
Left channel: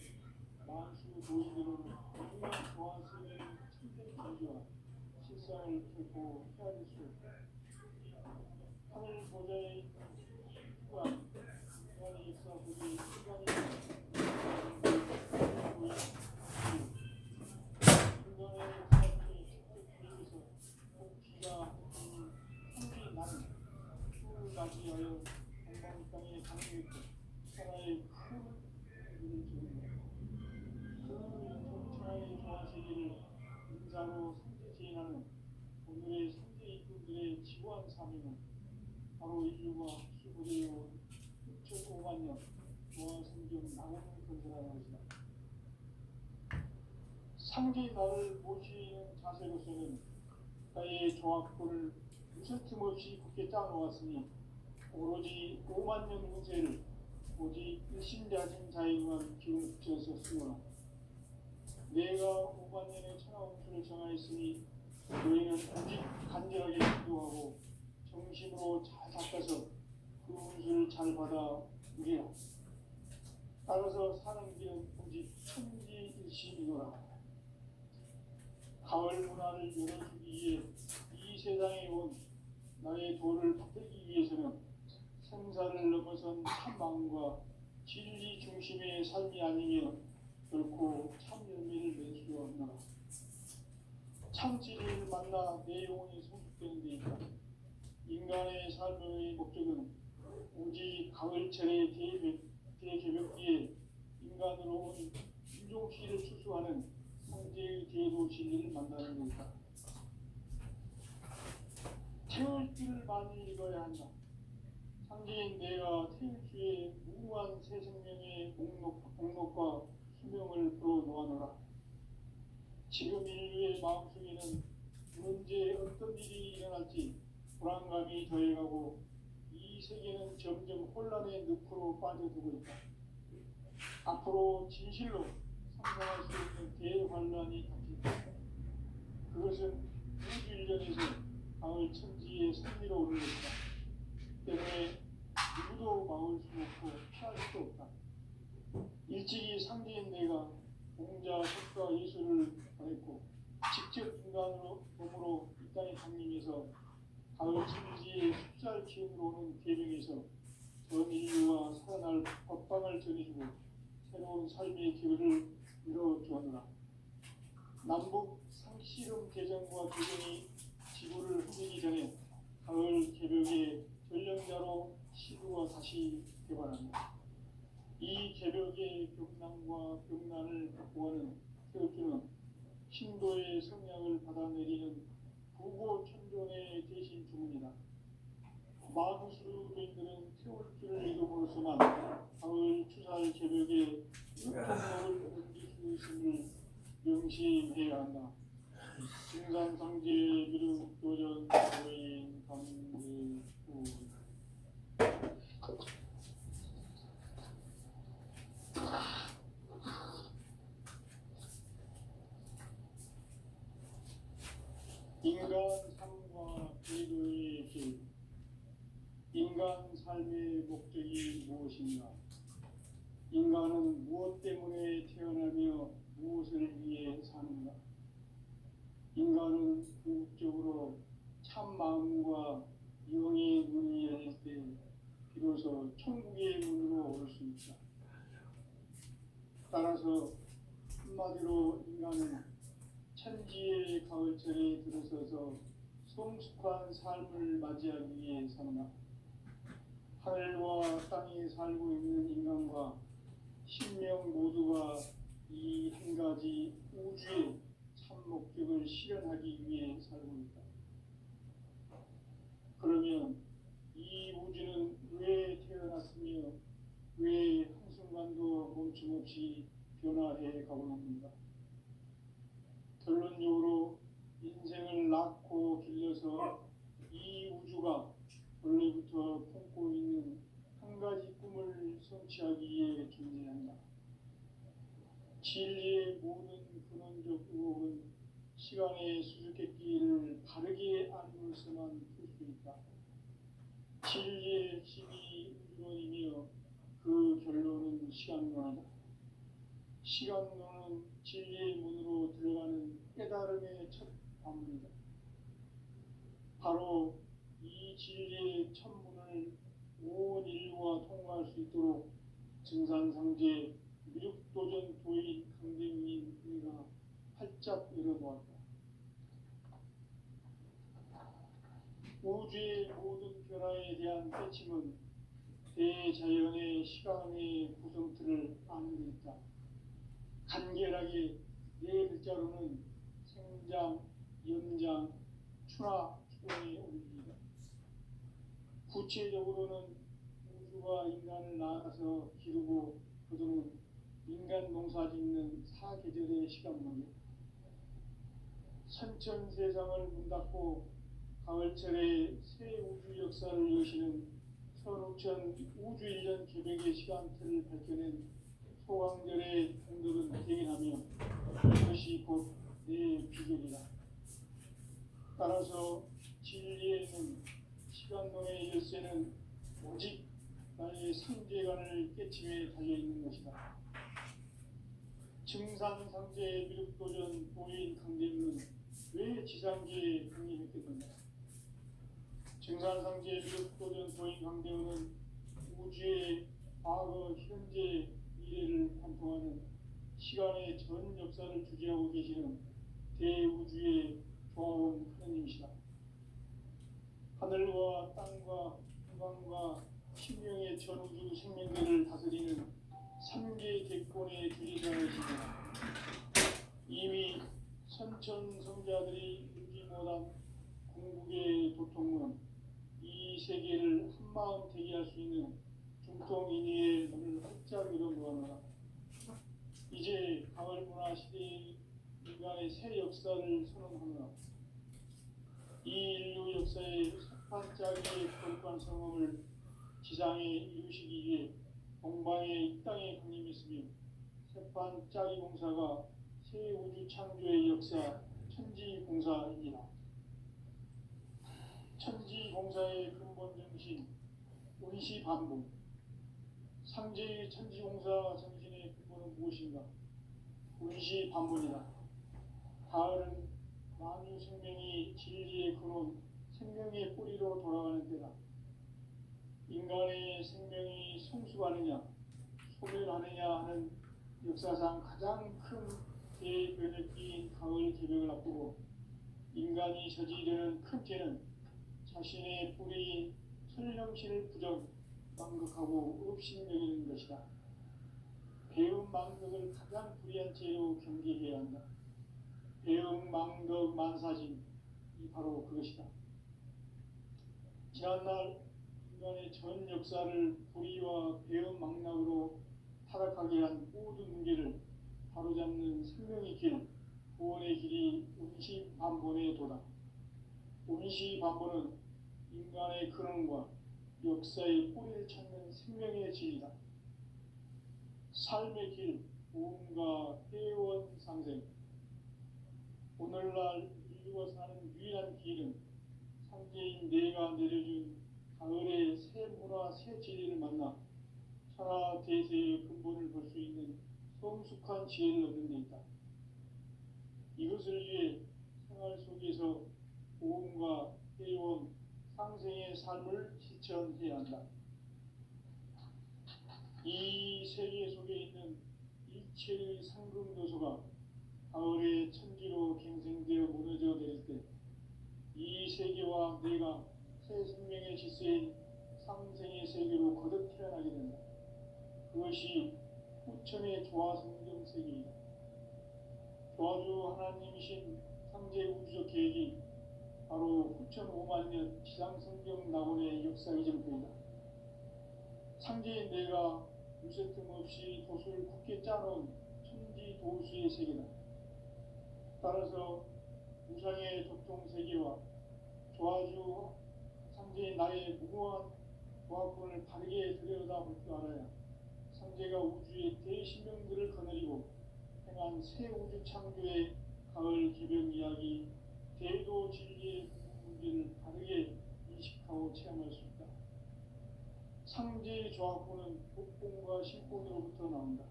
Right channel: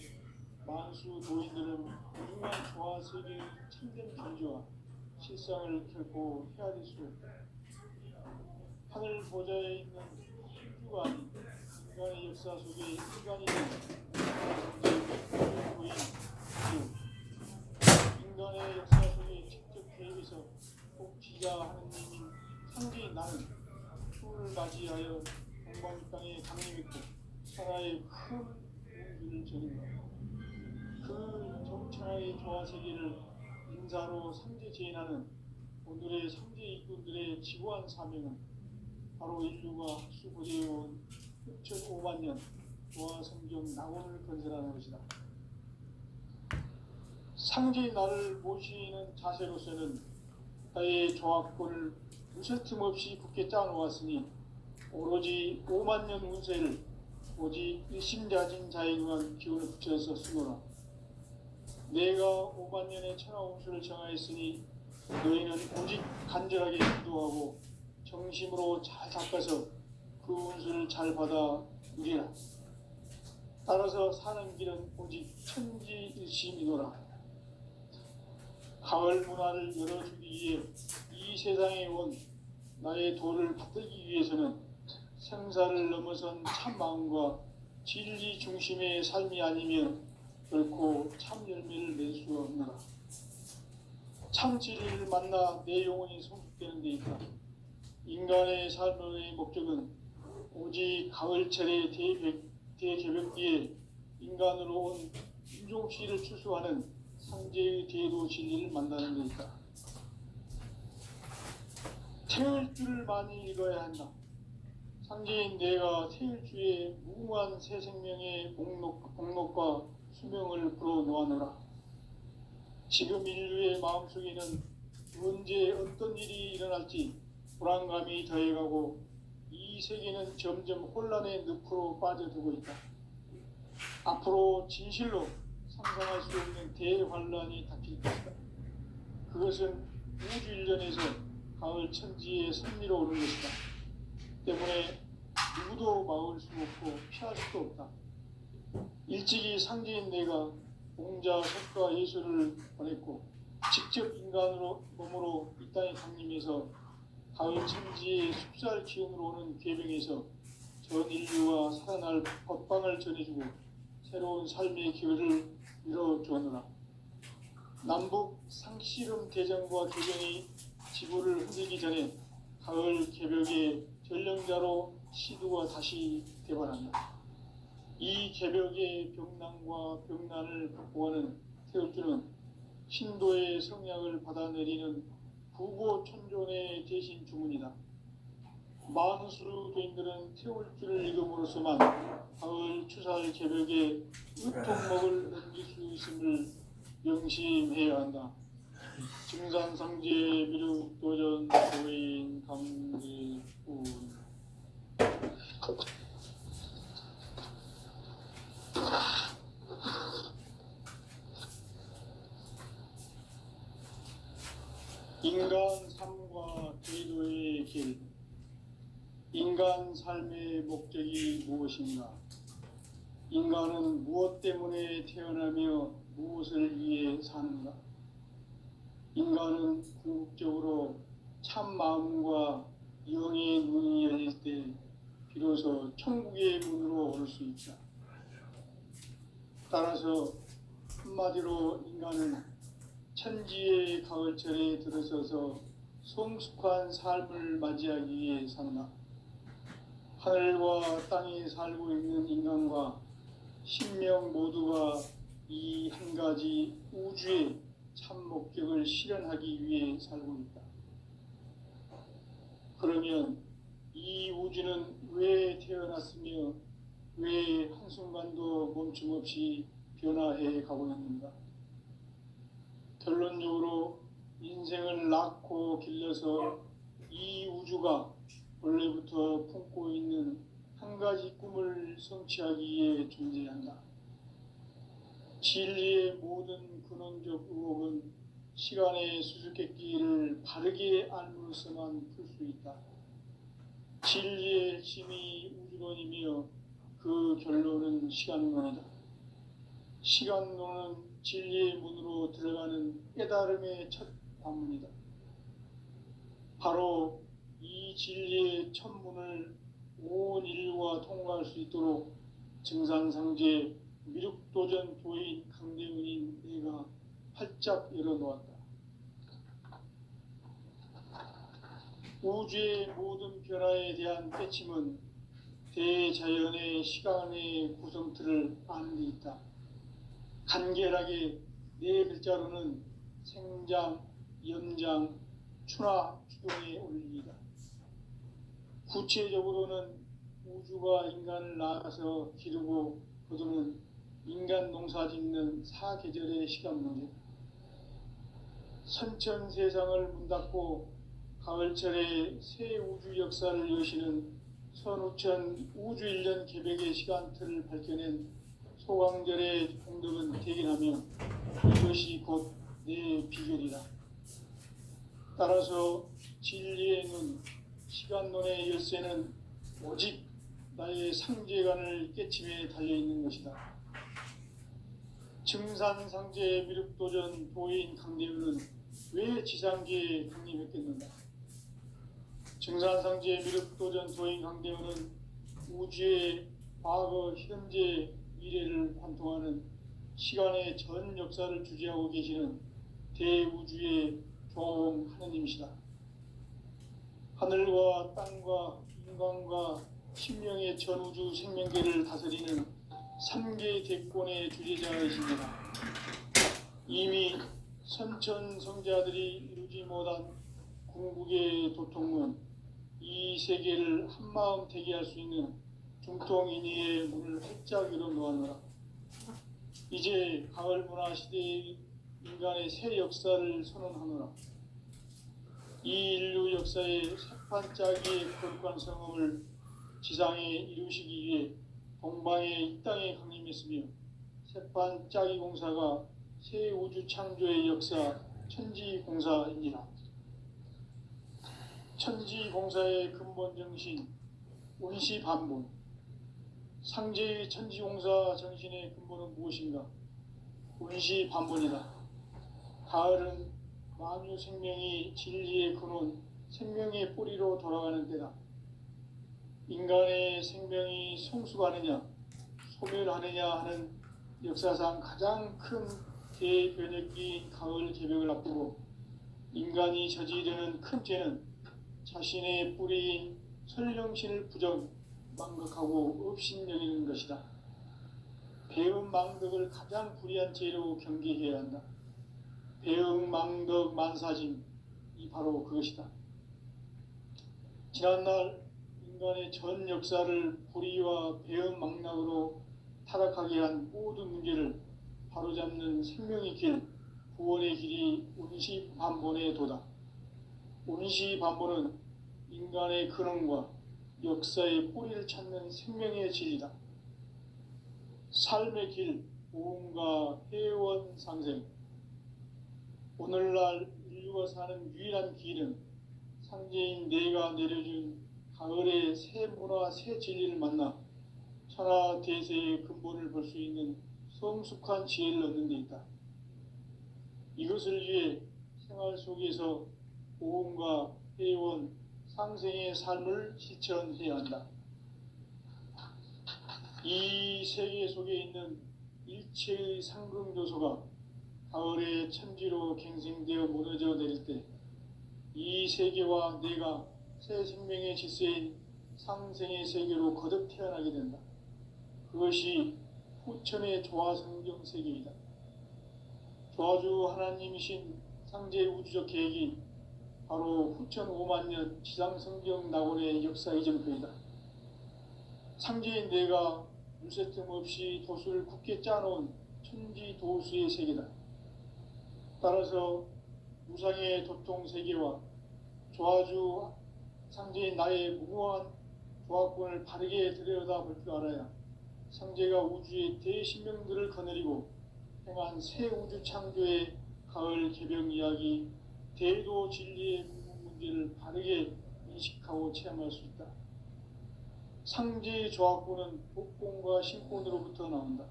만수 도인들은 무중한 조화 세계의 참된 견주와 실상을 결코 헤아릴 수 없다. 하늘 보좌에 있는 신주가 아닌 인간의 역사 속에 인간이 인간의 역사 속에 직접 개입해서 복지자 하는 상제인 나 나는 풀을 맞이하여 동방 땅에 강을 맺고 천하의 큰 운주를 저린다. 그 정창의 조화 세계를 인사로 상제 제인하는 오늘의 상제 일꾼들의 지고한 사명은 바로 인류가 학수고대해온 6,500만 년 조화 성경 낙원을 건설하는 것이다. 상제의 나를 모시는 자세로서는 나의 조합권을 무쇠틈 없이 굳게 짜놓았으니 오로지 5만 년 운세를 오직 일심자진 자에 의한 기운을 붙여서 쓰노라. 내가 5만 년의 천하 운수를 정하였으니 너희는 오직 간절하게 기도하고 정심으로 잘 닦아서 그 운수를 잘 받아 누리라. 따라서 사는 길은 오직 천지일심이노라. 가을 문화를 열어주기 위해 이 세상에 온 나의 도를 받들기 위해서는 생사를 넘어선 참 마음과 진리 중심의 삶이 아니면 결코 참 열매를 낼 수 없노라. 참 진리를 만나 내 영혼이 성숙되는 데 있다. 인간의 삶의 목적은 오직 가을철의 대개벽 뒤에 인간으로 온 윤종씨를 추수하는 상제의 대도 진리를 만나는 데 있다. 태을 줄을 많이 읽어야 한다. 상제인 내가 태을 주에 무궁한 새 생명의 목록과 수명을 불어놓아노라. 지금 인류의 마음속에는 언제 어떤 일이 일어날지 불안감이 더해가고 이 세계는 점점 혼란의 늪으로 빠져들고 있다. 앞으로 진실로 상상할 수 없는 대환란이 닥칠 것이다. 그것은 우주 일련에서 가을 천지의 선미로 오는 것이다. 때문에 누구도 막을 수 없고 피할 수도 없다. 일찍이 상제인 내가 공자, 석가, 예수를 보냈고 직접 인간으로 몸으로 이 땅에 강림해서 가을 천지의 숲살 기운으로 오는 계명에서 전 인류가 살아날 법방을 전해주고 새로운 삶의 기회를 이뤄주었노라. 남북 상씨름 대전과 교정이 지구를 흔들기 전에 가을 개벽의 전령자로 시두가 다시 대발한다. 이 개벽의 병난과 병난을 극복하는 태울주는 신도의 성량을 받아내리는 부고천존의 대신 주문이다. 만수도인들은 태울주를 읽음으로써만 가을 추살 개벽에 유통목을 얹을 수 있음을 명심해야 한다. 증산상제 미륵도전 도인 강대군. 인간 삶과 제도의 길. 인간 삶의 목적이 무엇인가? 인간은 무엇 때문에 태어나며 무엇을 위해 사는가? 인간은 궁극적으로 참 마음과 영의 눈이 열릴 때 비로소 천국의 문으로 올 수 있다. 따라서 한마디로 인간은 천지의 가을철에 들어서서 성숙한 삶을 맞이하기 위해 산다. 하늘과 땅에 살고 있는 인간과 신명 모두가 이 한 가지 우주의 참 목적을 실현하기 위해 살고 있다. 그러면 이 우주는 왜 태어났으며 왜 한순간도 멈춤 없이 변화해 가고 있는가? 결론적으로 인생을 낳고 길러서 이 우주가 원래부터 품고 있는 한 가지 꿈을 성취하기 위해 존재한다. 진리의 모든 근원적 의혹은 시간의 수수께끼를 바르게 알므로서만 풀 수 있다. 진리의 핵심이 우주론이며 그 결론은 시간론이다. 시간론은 진리의 문으로 들어가는 깨달음의 첫 관문이다. 바로 이 진리의 첫 문을 온 인류가 통과할 수 있도록 증산상제 미륵도전 도인 강대훈인 내가 활짝 열어놓았다. 우주의 모든 변화에 대한 깨침은 대자연의 시간의 구성틀을 아는 데 있다. 간결하게 네 글자로는 생장, 연장, 추나 추동에 올립니다. 구체적으로는 우주가 인간을 낳아서 기르고 거두는 인간 농사 짓는 사계절의 시간 문제, 선천 세상을 문 닫고 가을철에 새 우주 역사를 여시는 선우천 우주 1년 개백의 시간틀을 밝혀낸 소강절의 공덕은 대견하며 이것이 곧 내 비결이다. 따라서 진리의 눈, 시간론의 열쇠는 오직 나의 상제관을 깨침에 달려있는 것이다. 증산상제 미륵도전 도인 강대우는 왜 지상계에 독립했겠는가? 증산상제 미륵도전 도인 강대우는 우주의 과거, 현재, 미래를 관통하는 시간의 전 역사를 주재하고 계시는 대우주의 조홍 하느님이시다. 하늘과 땅과 인간과 신명의 전우주 생명계를 다스리는 3개 대권의 주재자이십니다. 이미 선천성자들이 이루지 못한 궁극의 도통은 이 세계를 한마음 되게 할 수 있는 중통인의의 문을 활짝 열어놓았노라. 이제 가을 문화 시대의 인간의 새 역사를 선언하노라. 이 인류 역사의 새판짜기의 거룩한 성음을 지상에 이루시기 위해 동방의 이 땅에 강림했으며 새판짜기 공사가 새 우주 창조의 역사 천지공사이니라. 천지공사의 근본 정신 운시반본, 상제의 천지공사 정신의 근본은 무엇인가? 운시반본이다. 가을은 만유 생명이 진리의 근원, 생명의 뿌리로 돌아가는 때다. 인간의 생명이 성숙하느냐, 소멸하느냐 하는 역사상 가장 큰 대변혁기인 가을 개벽을 앞두고 인간이 저지르는 큰 죄는 자신의 뿌리인 설령신을 부정, 망극하고 업신여기는 것이다. 배음 망덕을 가장 불의한 죄로 경계해야 한다. 배음 망덕 만사짐, 이 바로 그것이다. 지난날 인간의 전 역사를 불의와 배음 망락으로 타락하게 한 모든 문제를 바로잡는 생명의 길, 구원의 길이 운시반본의 도다. 운시반본은 인간의 근원과 역사의 뿌리를 찾는 생명의 진리다. 삶의 길, 오음과 회원 상생. 오늘날 인류가 사는 유일한 길은 상제인 내가 내려준 가을의 새 문화, 새 진리를 만나 천하 대세의 근본을 볼 수 있는 성숙한 지혜를 얻는 데 있다. 이것을 위해 생활 속에서 오음과 회원, 상생의 삶을 실천해야 한다. 이 세계 속에 있는 일체의 상승조소가 가을의 천지로 갱생되어 무너져 내릴 때 이 세계와 내가 새 생명의 질서인 상생의 세계로 거듭 태어나게 된다. 그것이 후천의 조화성경 세계이다. 조화주 하나님이신 상제 우주적 계획이 바로 후천 5만 년 지상성경 낙원의 역사 이전표이다. 상제인 내가 물새틈 없이 도수를 굳게 짜놓은 천지 도수의 세계다. 따라서 무상의 도통 세계와 조화주 상제인 나의 무궁한 조화권을 바르게 들여다볼 줄 알아야 상제가 우주의 대신명들을 거느리고 행한 새 우주 창조의 가을 개벽 이야기, 대도 진리의 문제를 바르게 인식하고 체험할 수 있다. 상제의 조화권은 독권과 신권으로부터 나온다.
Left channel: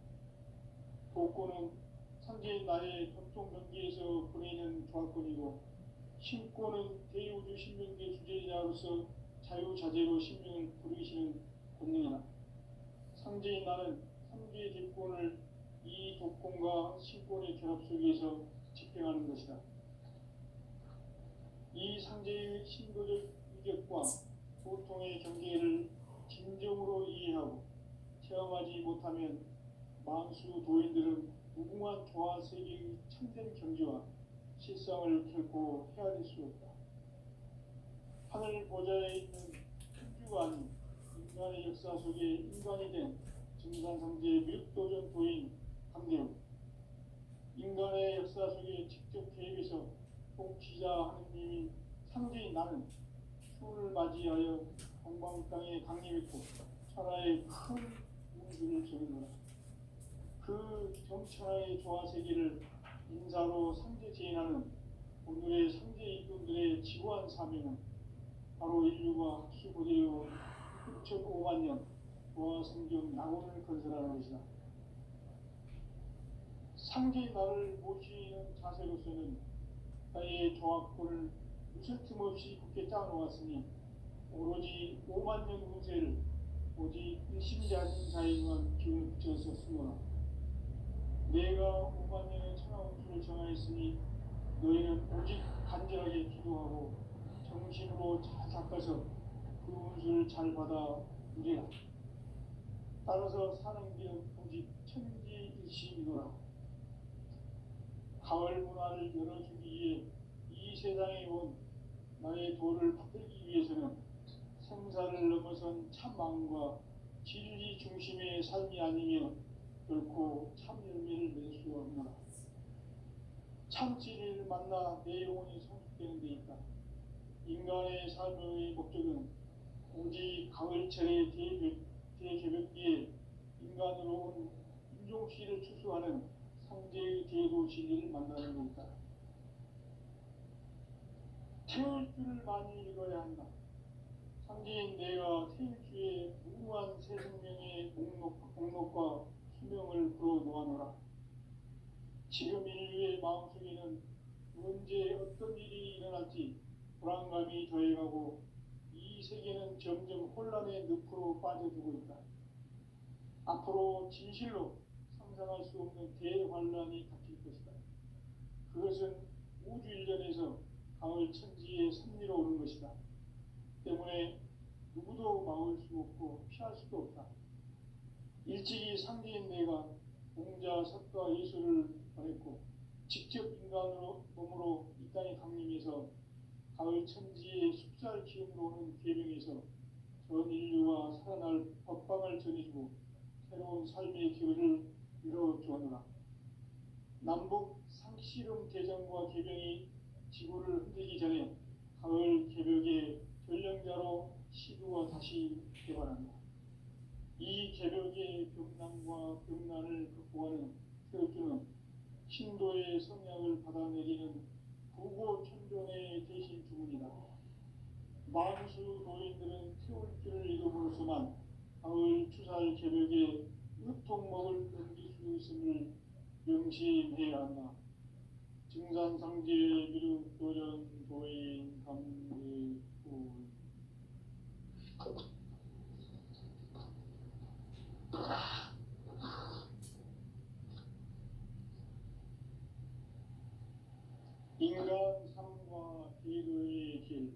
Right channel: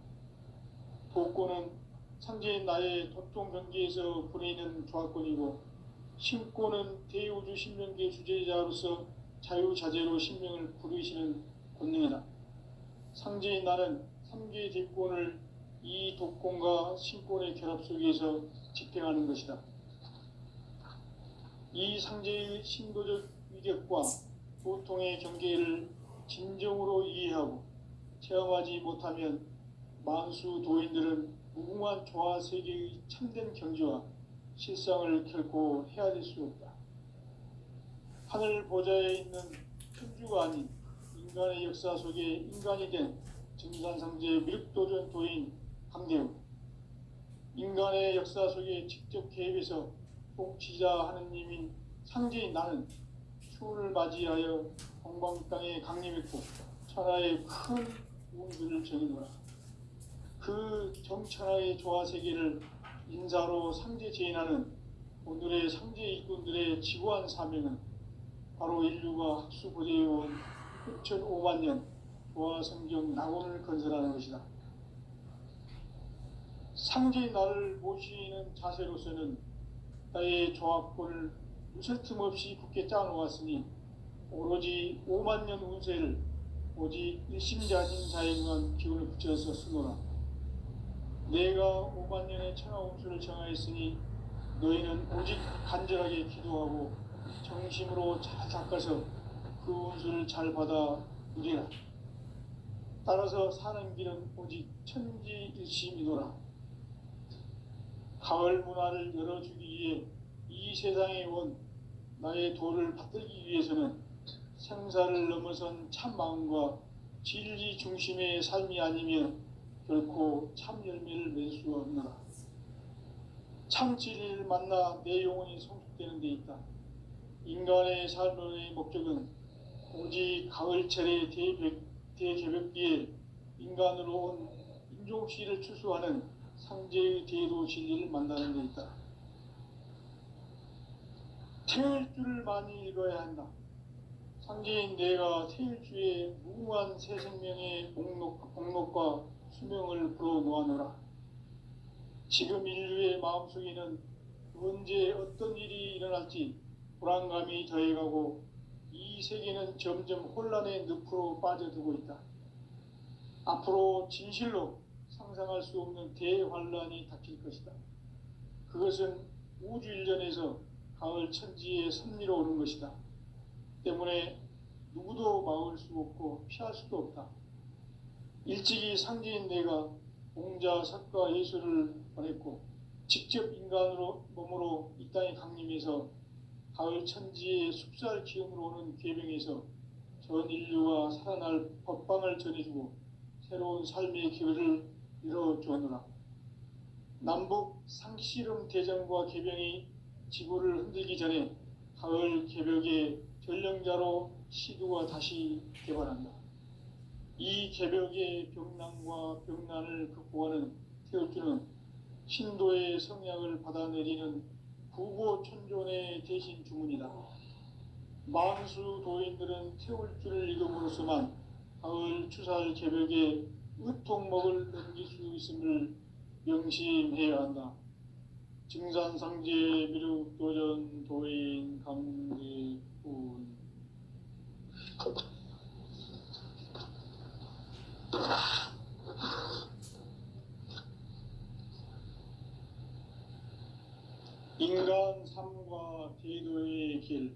독권은 상제인 나의 도통 경계에서 보내는 조화권이고, 신권은 대우주 신명계 주제자로서 자유자재로 신명을 부르시는 권능이다. 상제인 나는 3개의 대권을 이 독권과 신권의 결합 속에서 집행하는 것이다. 이 상제의 신도적 희격과 고통의 경계를 진정으로 이해하고 체험하지 못하면 만수 도인들은 무궁한 조화 세계의 참된 경지와 실상을 결코 헤아릴 수 없다. 하늘 보좌에 있는 천주가 아닌 인간의 역사 속에 인간이 된 증산상제 미륵도전 도인 강대우, 인간의 역사 속에 직접 개입해서 통치자 하느님인 상제인 나는 추운을 맞이하여 동방 땅에 강림했고 천하의 큰 운수를 정해놓아 그 정천하의 조화 세계를 인사로 상제 제인하는 오늘의 상제 일꾼들의 지고한 사명은 바로 인류가 학수고대해온 6,500만 년 조화 성경 낙원을 건설하는 것이다. 상제인 나를 모시는 자세로서는 나의 조합권을 무슨 틈 없이 굳게 짜놓았으니 오로지 5만 년 운세를 오직 일심자진 자에만 기운을 붙여서 쓰노라. 내가 5만 년의 천하 운수를 정하였으니 너희는 오직 간절하게 기도하고 정심으로 잘 닦아서 그 운수를 잘 받아 누리라. 따라서 사는 길은 오직 천지일심이노라. 가을 문화를 열어주기 위해 이 세상에 온 나의 도를 받들기 위해서는 생사를 넘어선 참 마음과 진리 중심의 삶이 아니면 결코 참 열매를 맺을 수 없노라. 참 진리를 만나 내 영혼이 성숙되는 데 있다. 인간의 삶의 목적은 오직 가을철의 대개벽기에 인간으로 온 인종시를 추수하는 상제의 대도 진리를 만나는 데 있다. 태일주를 많이 읽어야 한다. 상제인 내가 태일주의 무궁한 새 생명의 목록과 수명을 불어놓아노라. 지금 인류의 마음속에는 언제 어떤 일이 일어날지 불안감이 더해가고 이 세계는 점점 혼란의 늪으로 빠져들고 있다. 앞으로 진실로 상상할 수 없는 대환란이 닥칠 것이다. 그것은 우주 일전에서 가을 천지의 섭리로 오는 것이다. 때문에 누구도 막을 수 없고 피할 수도 없다. 일찍이 상제인 내가 공자, 석가, 예수를 보냈고 직접 인간으로 몸으로 이 땅에 강림해서 가을 천지의 숲살 기음으로 오는 계명에서 전 인류가 살아날 법방을 전해주고 새로운 삶의 기회를 이뤄주었노라. 남북 상씨름 대전과 개병이 지구를 흔들기 전에 가을 개벽의 전령자로 시두가 다시 개발한다. 이 개벽의 병난과 병난을 극복하는 태울주는 신도의 성약을 받아내리는 구고천존의 대신 주문이다. 만수 도인들은 태울주를 읽음으로써만 가을 추살 개벽의 의통목을 넘길 수 있음을 명심해야 한다. 증산상제 미륵도전 도인 강대훈. 인간 삶과 대도의 길.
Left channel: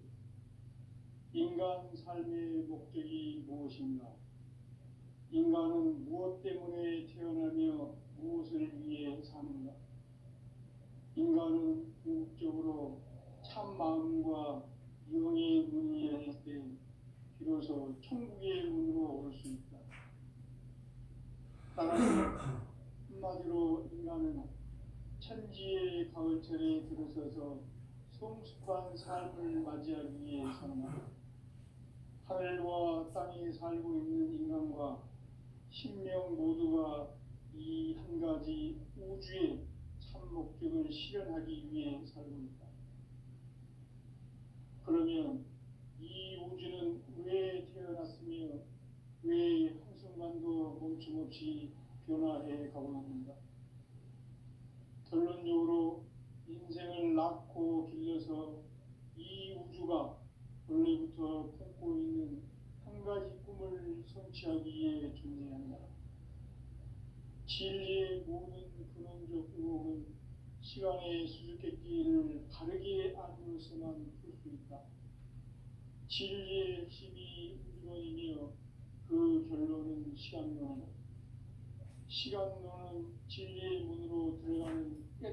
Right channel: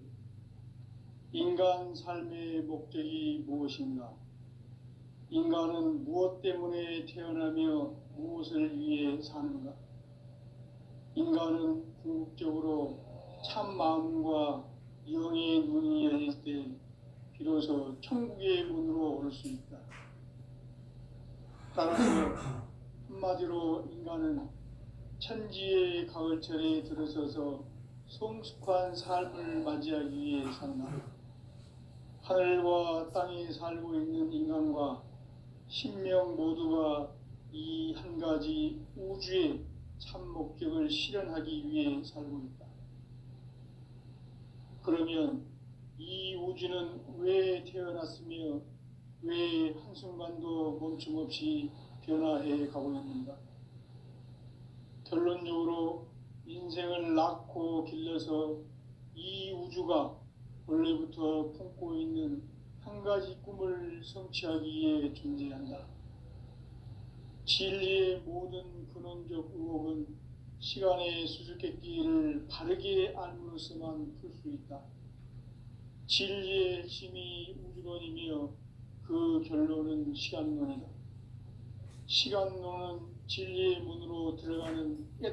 인간 삶의 목적이 무엇인가? 인간은 무엇 때문에 태어나며 무엇을 위해 사는가? 인간은 궁극적으로 참 마음과 영의 눈이 열릴 때 비로소 천국의 문으로 올 수 있다. 따라서 한마디로 인간은 천지의 가을철에 들어서서 성숙한 삶을 맞이하기 위해 산다. 하늘과 땅에 살고 있는 인간과 신명 모두가 이 한 가지 우주의 참 목적을 실현하기 위해 살고 있다. 그러면 이 우주는 왜 태어났으며 왜 한순간도 멈춤 없이 변화해 가고 있는가? 결론적으로 인생을 낳고 길러서 이 우주가 원래부터 품고 있는 한 가지 꿈을 성취하기 위해 존재한다. 진리의 모든 근원적 의혹은 시간의 수수께끼를 바르게 알므로서만 풀 수 있다. 진리의 핵심이 우주론이며 그 결론은 시간론이다. 시간론은 진리의 문으로 들어가는